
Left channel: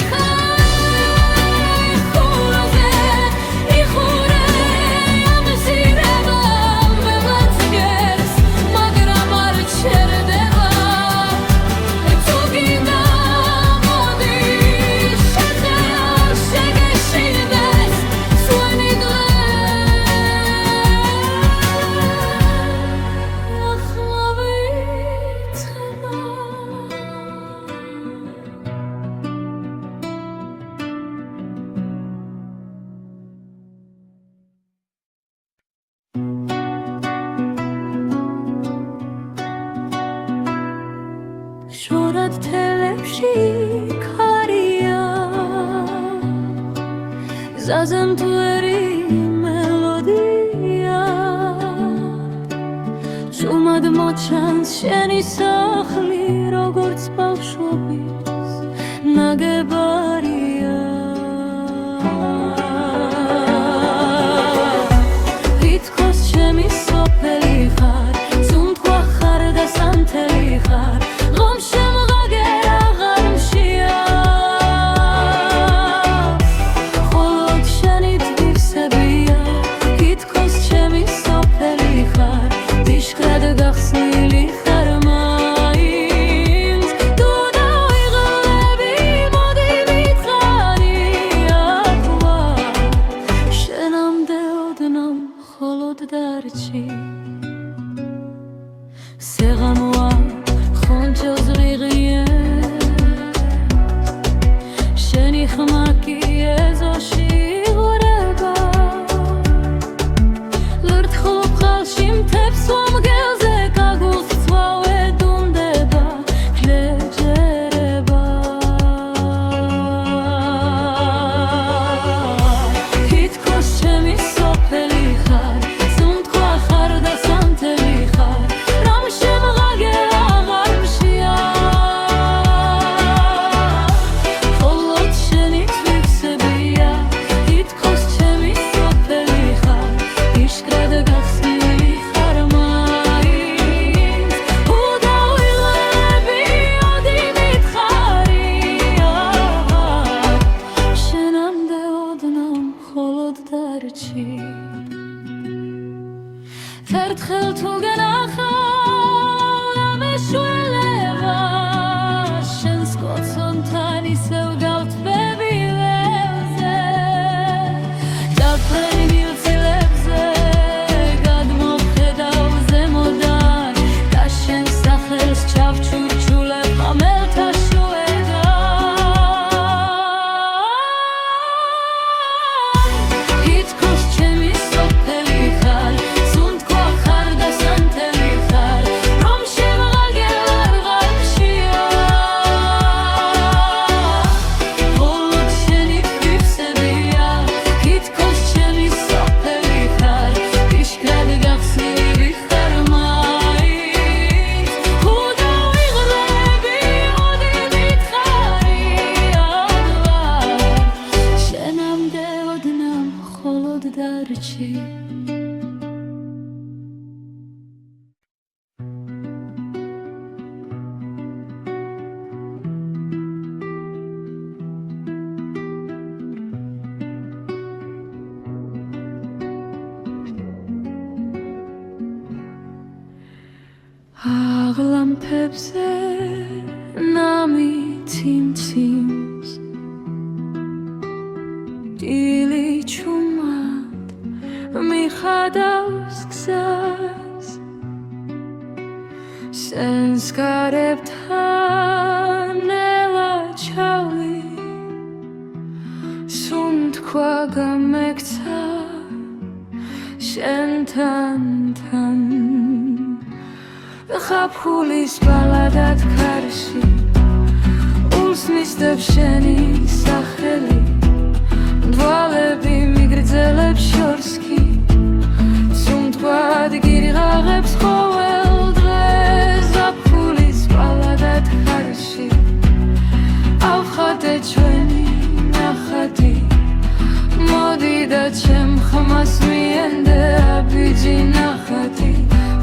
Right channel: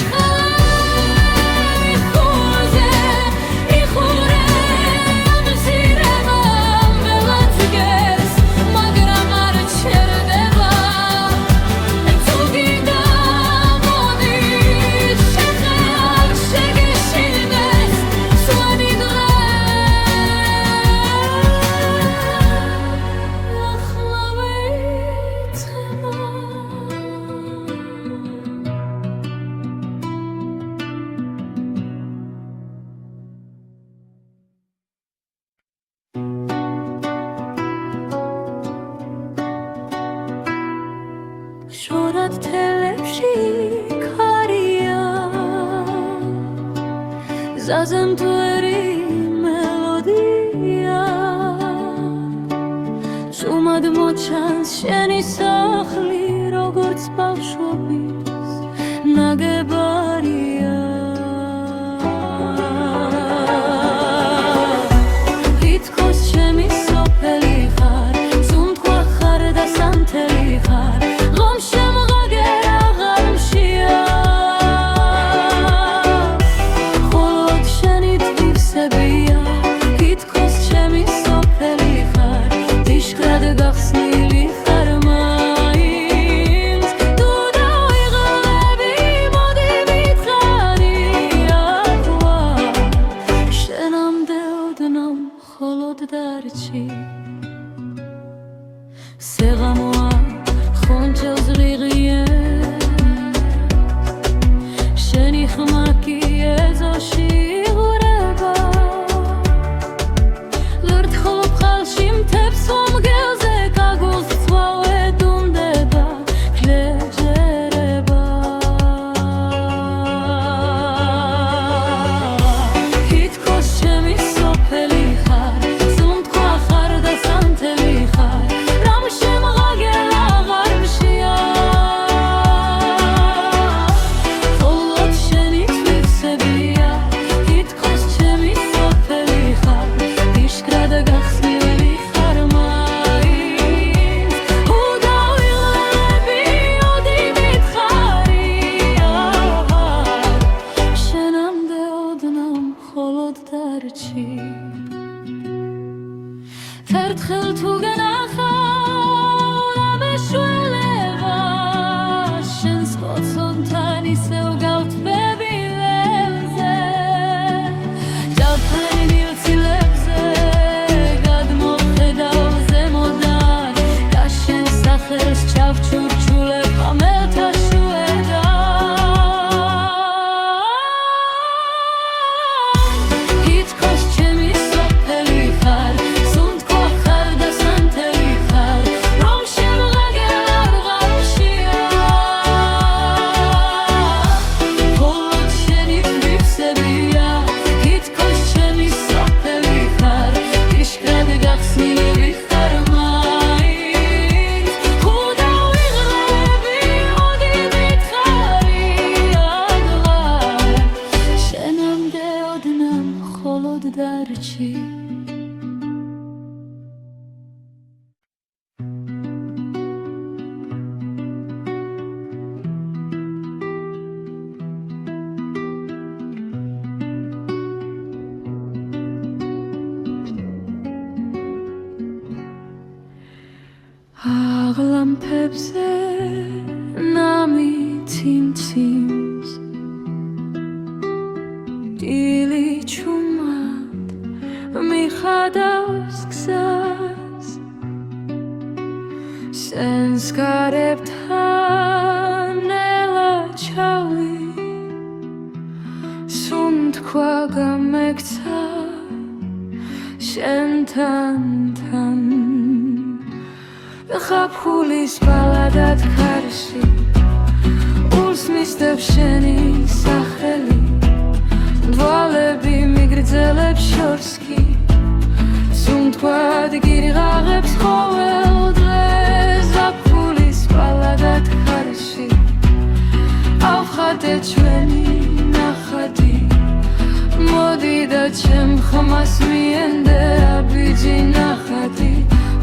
შორად თელებში ქარია ზაზემთვერი მელოდია შუმად მოჩანს შენი სახლი როგორც ბავშვობის ნაგებარია თითქოს ჩემი სოფელი ხარ სუნთქვა ხარ და სანთელი ხარ გახსნილი ხარ მაინც თუ დავიღლები მოდი მითხარი ახლა შენამდე ოდნავ მხოლოდ დარჩი სეღამოა ხონჯელს ღიღიეს შენი ხმა კი ეზოში იღვრება ლურთხულობ ხალში მთებს ვამგელზე ერთხელ თუ გენახავ და მეშველება შენს კოცონთან ისევ გავთბები ველზე ჯაფარი მილცილებზე გადმოვხედავ ზემოდან და შენ სახელს ჩავჩურჩულებ ხამელთა შუედან თითქოს ჩემი სოფელი ხარ დარჩი აღლამფებზე ნამითი მციმს დილი ჩუმად მიხადავს გზას სენს გარებთან ნელა ჩავი სუნთქვა გამექცა შენთან ხაფხულის ბალადად ქარში ულს მისდევ შენი სახელი დვალები მიგრძელებს შორს კი სუნთქვად გირიღაღებს ყოველ დღეს ზაფხულის პალადად ხარში ავხატე ჩვენი ნახატი მოდი და ჩემ ხმას მიენდე აბიჯი ნახატი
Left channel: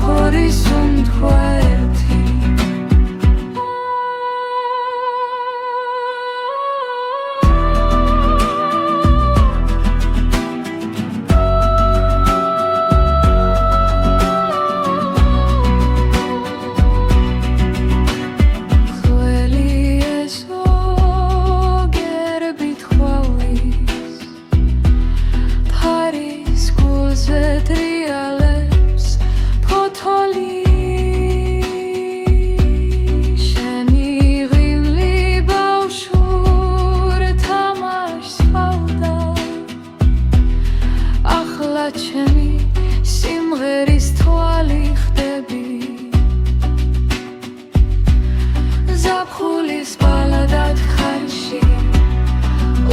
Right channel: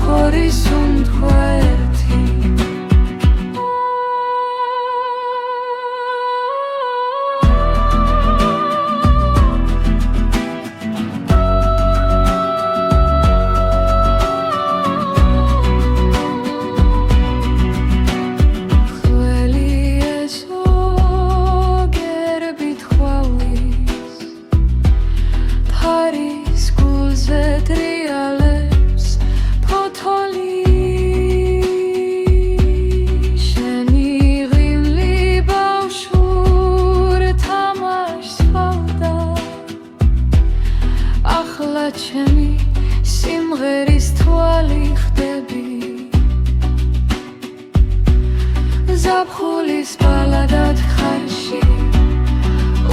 ხორი სუნთქვა ერთი ტრიალებს ფოთოლი შენი ღიმლი ბავშვურ თამაშს ჰავდა ახლა ჩემი სიმღერის თვალი ხდები ზაფხულის პალადად ხარში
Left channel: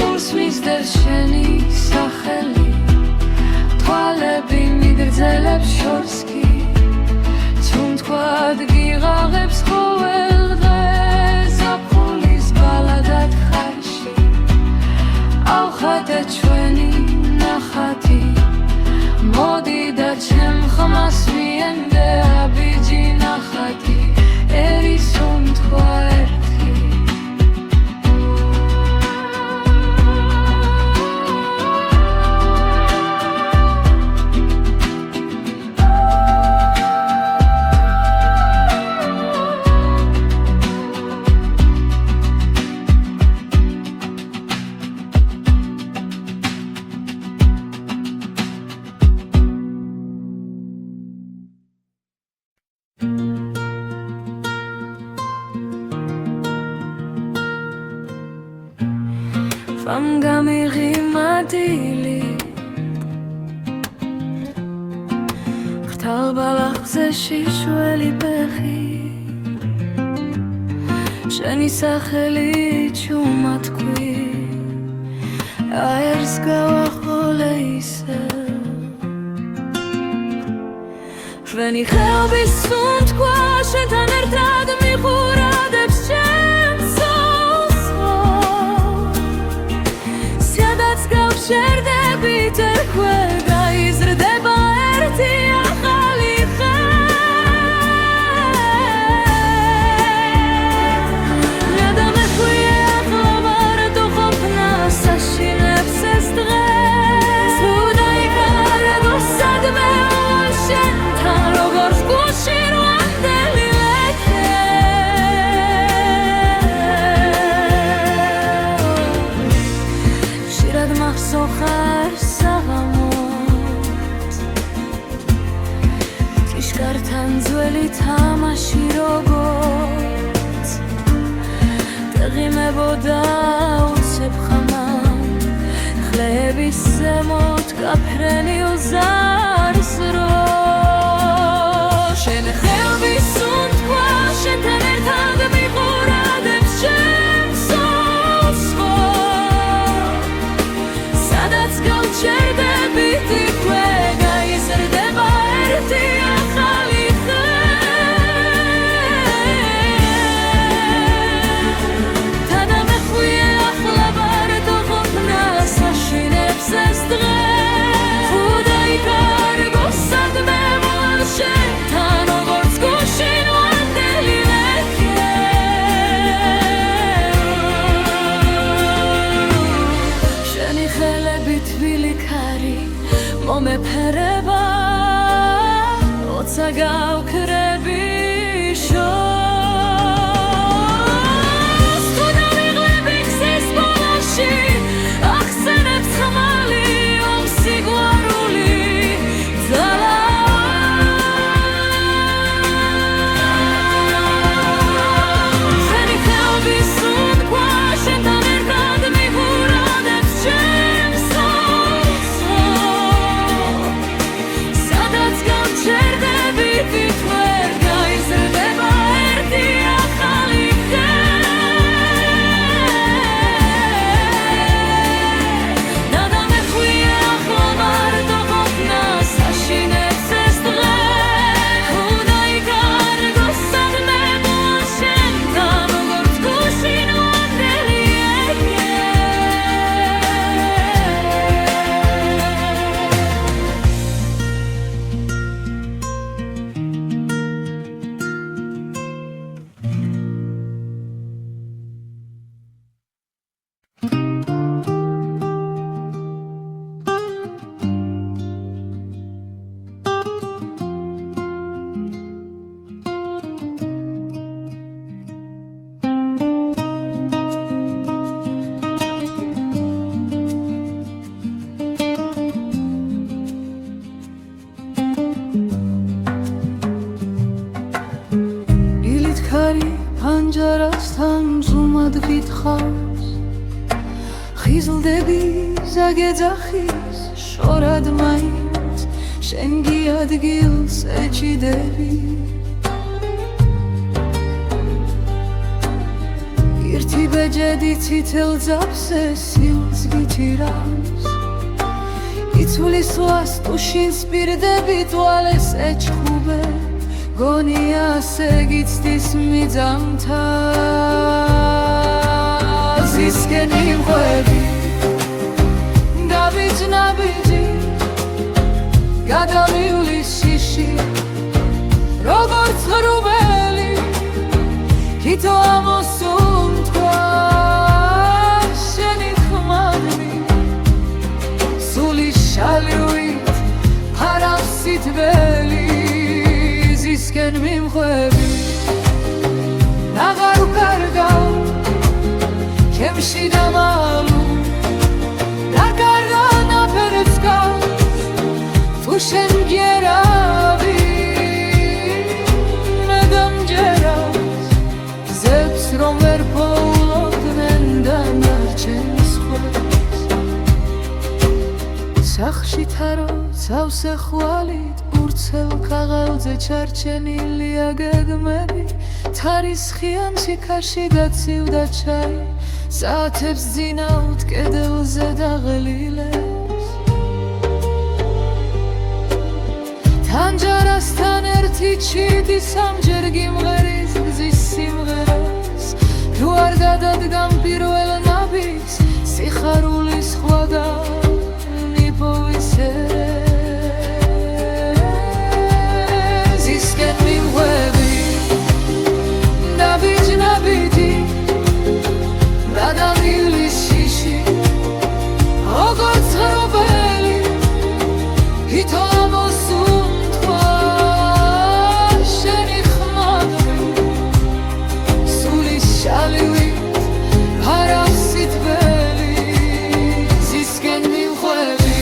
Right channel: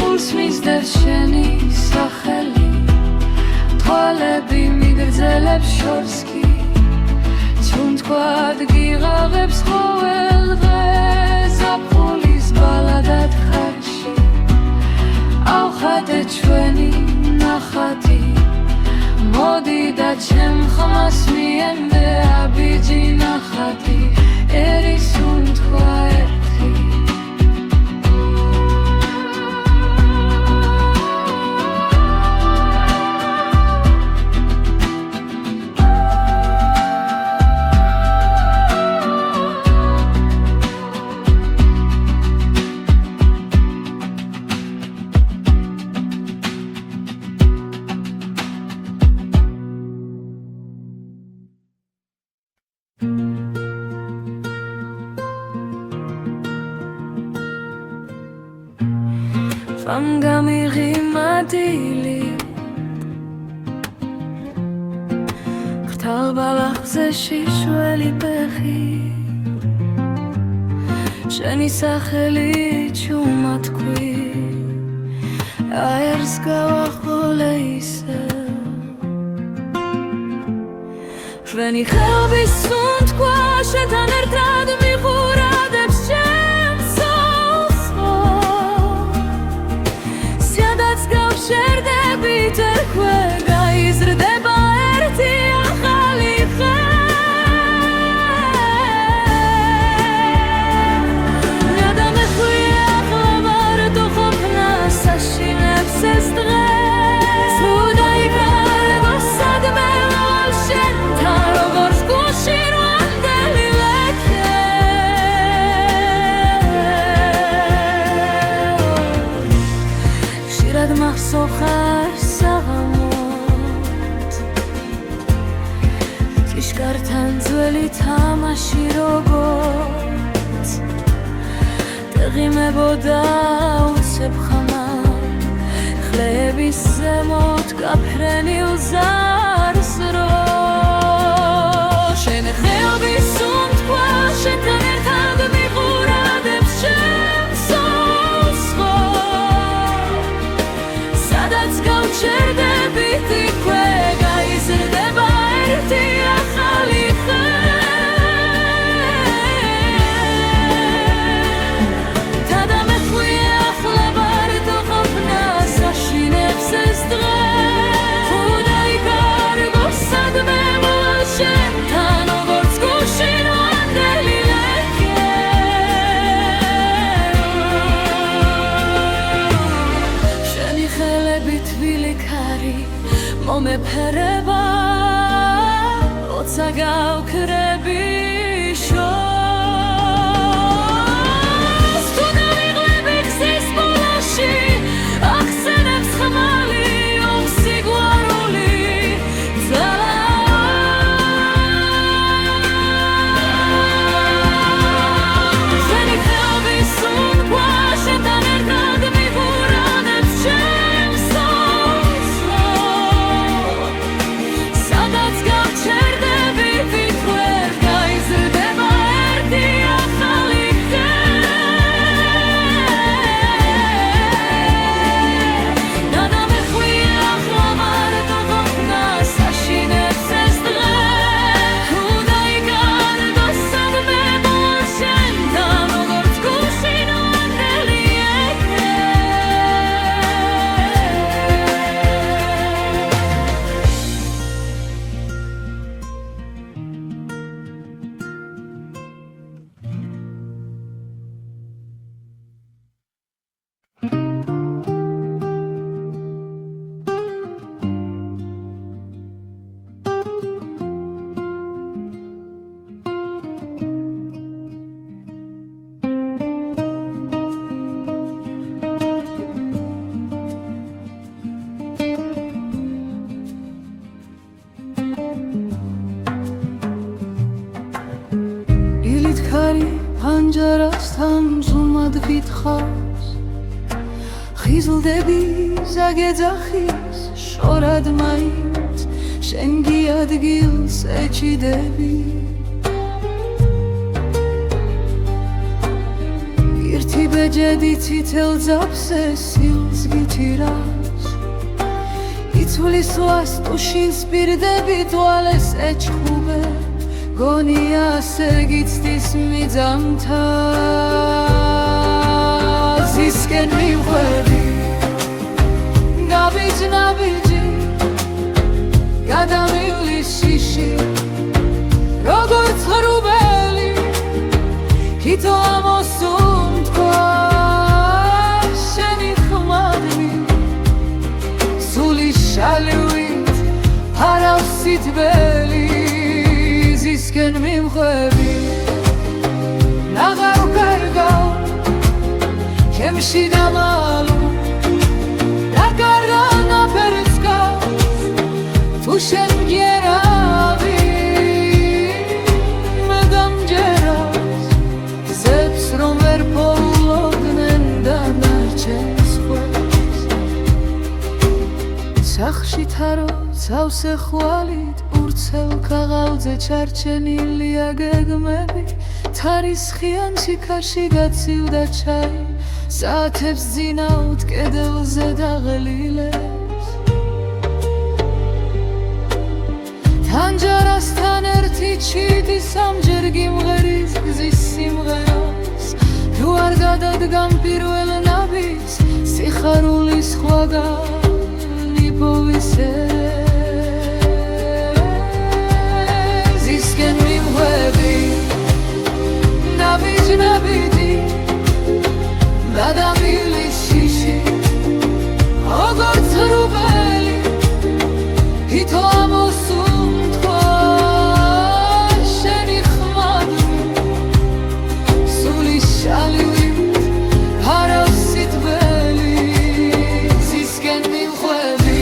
ურს მისდევს შენი სახელი თვალები მიგრძელებს შორს კი სუნთქვად გიღაღებს ყოველ დღეს ზაფხულის პალადად ხარში ავხატე ჩვენი ნახატი მოდი და ჩემ ხმას მიენდე აბიჯი ნახატი ერი სუნთქვა ერთი Vam gamiri madili Khtal balakze shishweli pechi Sheni sakheli chumatkui Aers gawakholeise Shveni khelbi sundkwa shetan ertad michuradebs შერდებით ერქვე გაიზრდება ერთი ახალი ხე ნადამეხვია ახლა მარტო ყოფნას აშინებს ეს დღეს თუ დაიკარგო სადმე ვალ შენთან როგორც გულში რვანდელი ლექე შირად მახსოვხარ საღამოთ ჭიშკართან ძველი თამაში როგორც დაღიმებოდა უცებ ხამამ ხლების ზემოთ გაფრენილ ზარს რო შენ ხეობის სუნთქვა შენთან ერთად მიყურადებს ჩემს შერდებით იქვე გაიზრდება ერთი ახალი ხე თადამეხვია ახლა მარტო ყოფნას აშინებს ეს დღეს თუ დაიკარგო სადმე ვალ შენთან როგორც გულში რვანდელი ლექე შენი ხელები თბილი ქარი მომეფერება როცა გავქრები შორს თუ დავიღლები გზის ბოლოში ახსენებს ხმალი ომსიგვარული ძალა შენი ხელების სუნთქვა შენთან ერთად მიყურადებს ჩემს სადაც გავჩერდებით თვერ გაიზრდება თანჯარასთან ზუმად გითხავს ხიზლდები ზაგეძახის შორად მაინც შენ გიადგილს ეჭიდები ერთი ბეჯედი ცითელ ძაფზე სილს გითირავს იცვლის ლას ტუშინს პირდები თვალეს ეჩხუბე გონია ასე გიცდის მიძამთა ზისკენ მიმღვები გაბიჯ-ნაბიჯი გადამივლის შიში როგორც ღრუბელი თითო ამოსუნთქვა შენი ხმადნი სული შალივით ფარავს სითბელი ზისკენ მიმხვები ნაღარ ვკარგავ ჩემში დამალუ დარგარა ნაფერს გავს თუ შენ მგერავი მე დამჯერავს ზებს რომ ვერ პოულობდნენ დანარჩენს ხვებს სახლში თარო ცავსე ხვალით ურცელ ქაღალდზე ჩარჩენილია გეგმები თარისხიანში ქარში გაცივდა ჩაი საათებს ძინავთ კედელზე დაღლილებს თანჯარასთან ერთი ჩიტი სამჯერ გიმღერის გზის სიმღერას თუ არ გადადგამ პირველ ნაბიჯს სიხარულის ხვაგანი პოვისერე ზისკენ მიმღვები ნაბიჯ-ნაბიჯი გადამივლის შიში როგორც ღრუბელი თითო ამოსუნთქვა შენი ხმადნი სული შალივით ფარავს სითბელი ზისკენ მიმხვები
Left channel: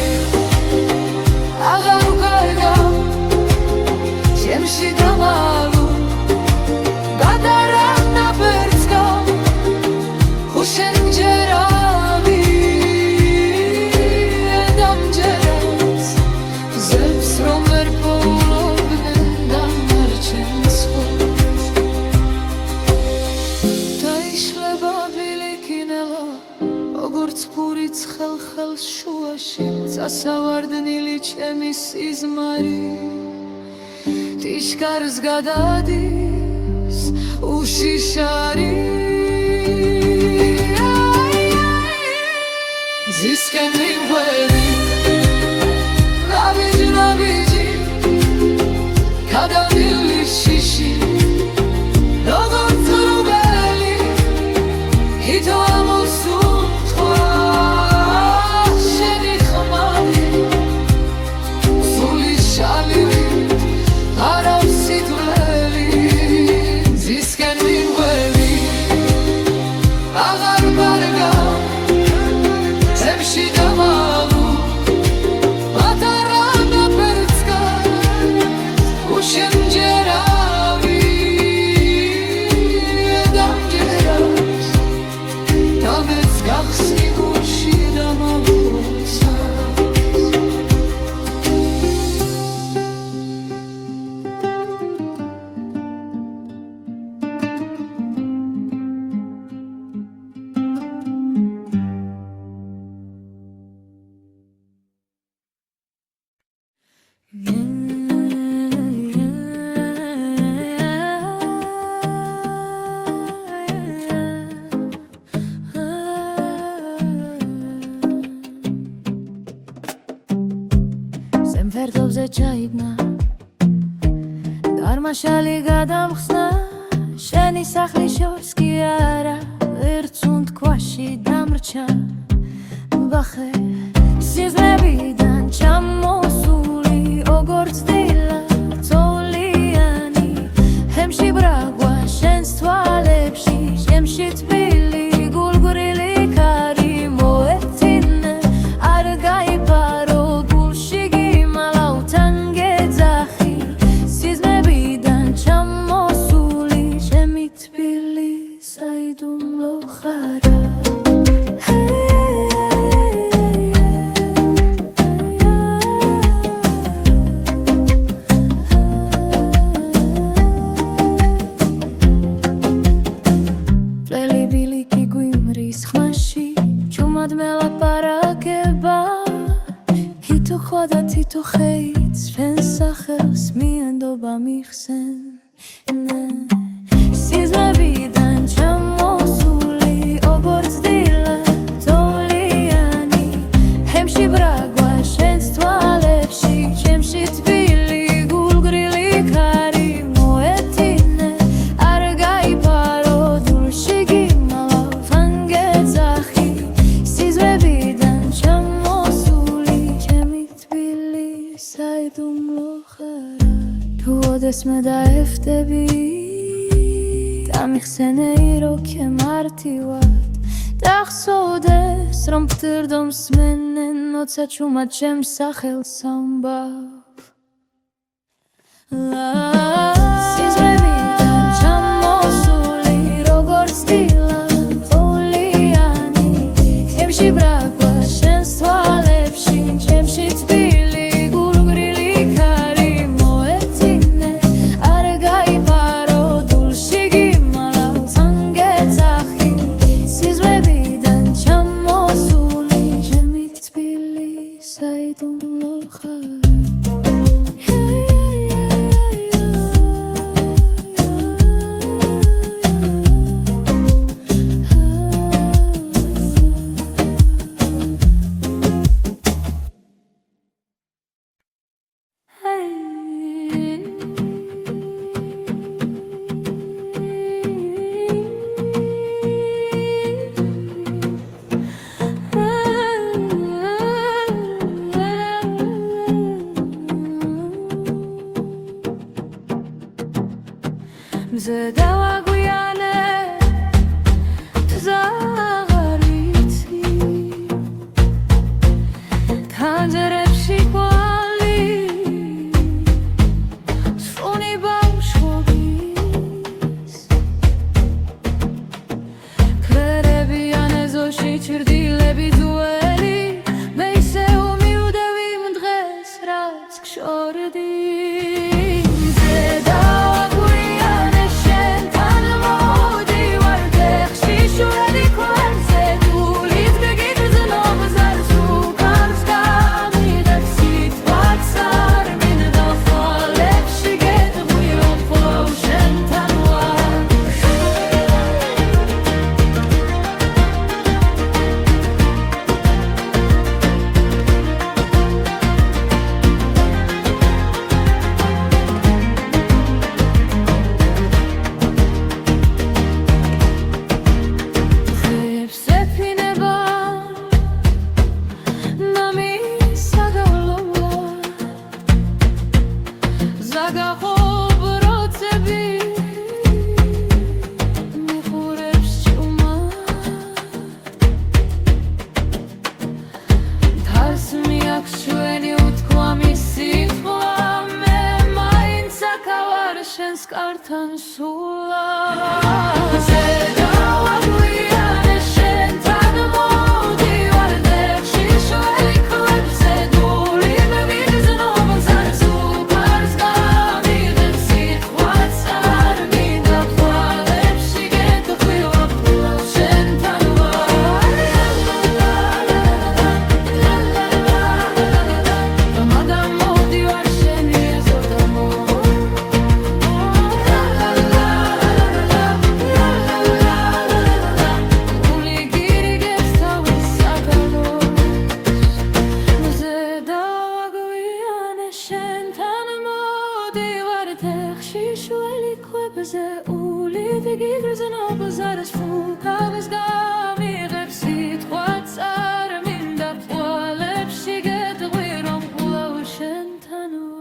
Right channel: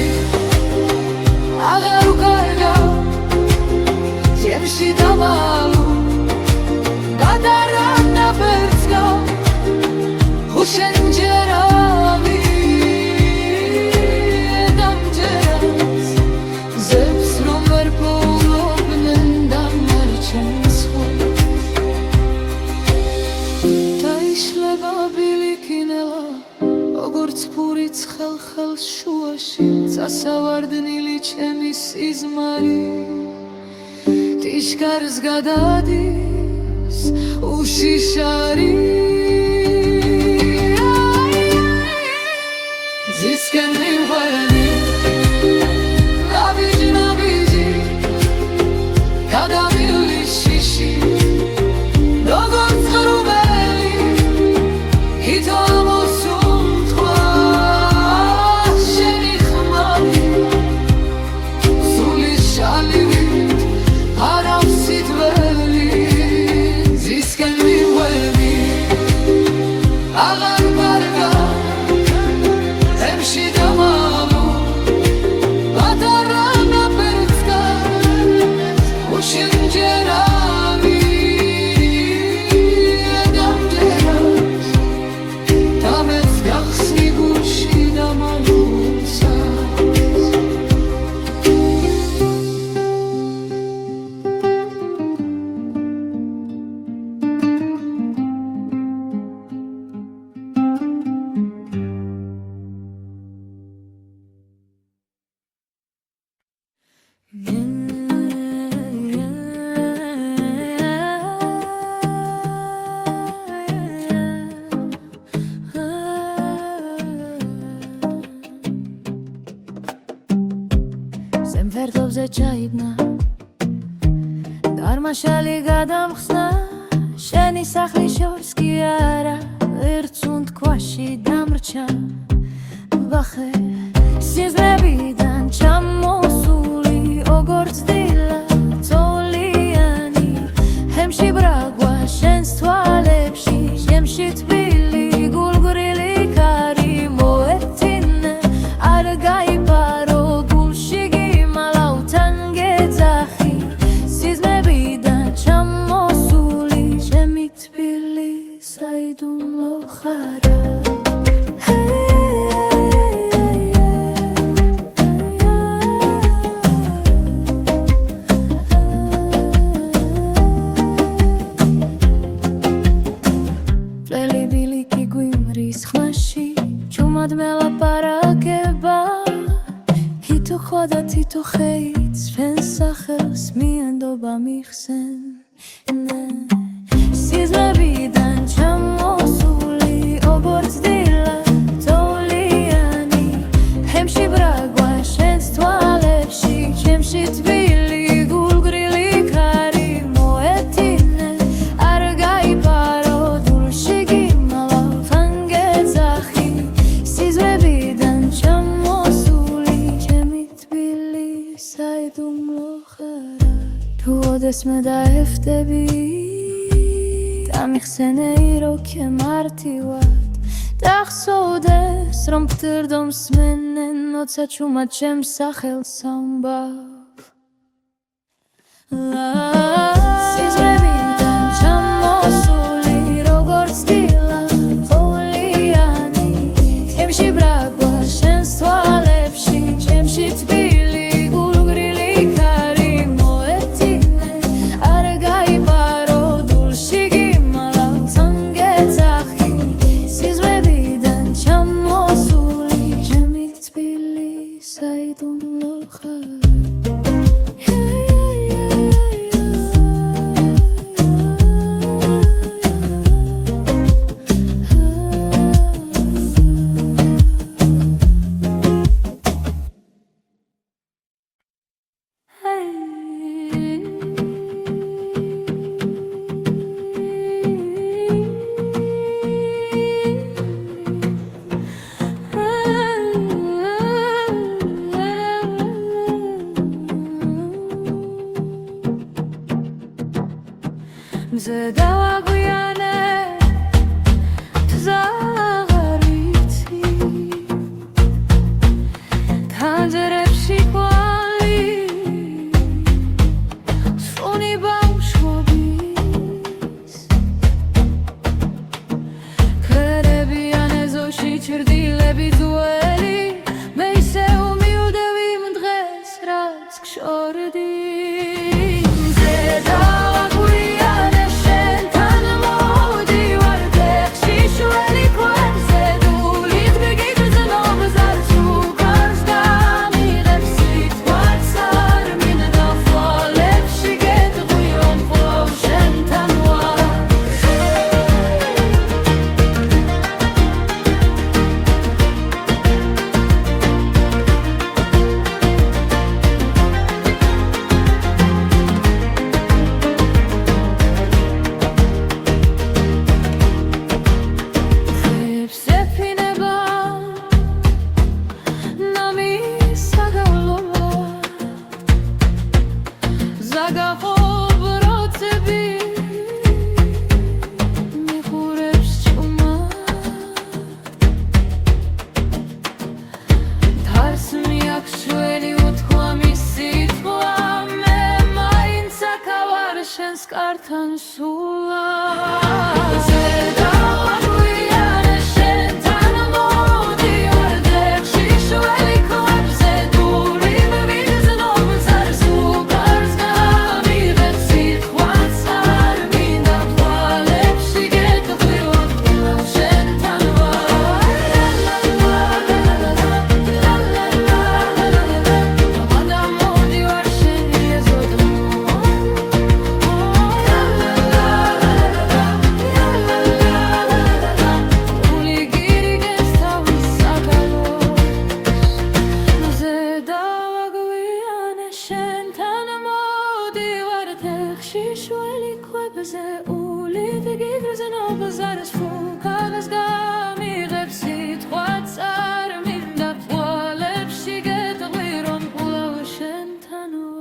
აღარ ვკარგავ ჩემში დამალუ გადარა ნაფერს გავს შენ მჯერავი დამჯერავს ზებს რომ ვერ პოულობდნენ დანარჩენს ხვებს დაიშლება ბილიკინელა როგორც ფურიც ხელს შუაში წასავარდნილი ჩემი სიზმარი ტიშკარს გადადის უშიშარი ზისკენ მიმღვები ნაბიჯ-ნაბიჯი გადამივლის შიში როგორც ღრუბელი თითო ამოსუნთქვა შენი ხმადი სული შალივით ფარავს სითბელი ზისკენ მიმღვები აღარ ვკარგავ ჩემში დამალუ გადარა ნაფერს გავს შენ მჯერავი დამჯერავს დამეც გახსნი გულში დამალუცას ფერდობზე ჩაიგნა დარმაშალი გადამხსნა შენი სახლის შორს კი არა ერთ სუნთქვაში დამრჩა ვახე სიზმრებიდან ჩამოსული როგორც დილა წოლიანი ჰემში ბრაგვა შენს თვალებში შემში თბილი გულგრილი ქარი მოეთინე არ გაიფარო გულში გიმალავთან გეძახი სიზმრებიდან ჩამოსული შემი თბილი და თითო ხეიც ჩვენს სახელს მიენდობა მიხსენ სიზმრებიდან ჩამოსული როგორც დილა თოვლიანი ჰემში ბრაგვა შენს თვალებში ჩემში თბილი გულგრილი ქარი მოეთინე არ გაიფარო დულში გიმალავ ანგეძახი სიზმრებიდან ჩამოსული ჩემი თბილი საიდუმლო ხარა თუ ოდესმე დაეხვდები დამიხსენეი როქე მარტივად დახსოვდეს რომ ფთირდო მსმენენ როცა ჩუმად ჩემს სახელს ამბავ სიზმრებიდან ჩამოსული როგორც დილა თოვლიანი ჩემში ბრაგვა შენს თვალებში ჩემში თბილი გულგრილი ქარი მოეთინე არ გაიფარო დულში გიმალავს ანგეძახი სიზმრებიდან ჩამოსული ჩემი თბილი საიდუმლო ხარ მზე დავაგვიანე თზაღარ ვიცი თანჯერებში კვალი სრუნი ბავშვობის ქრერებიან ეზოში ჩრდილები ძველი მე ისე უმიუდევი იმ დღეს რაც გშორდი ზაგახობ როცები მიხურებს ჭუმად დარს მიაქვს ჩვენი უთქვამი სიტყვა მე მაინც აქავარ შენს კართან სულად ბაზარს ფუკავს გამიღებს სიტყვაც არ მინდა ფვალებში გეტყვი რომ ფულავ შენთანო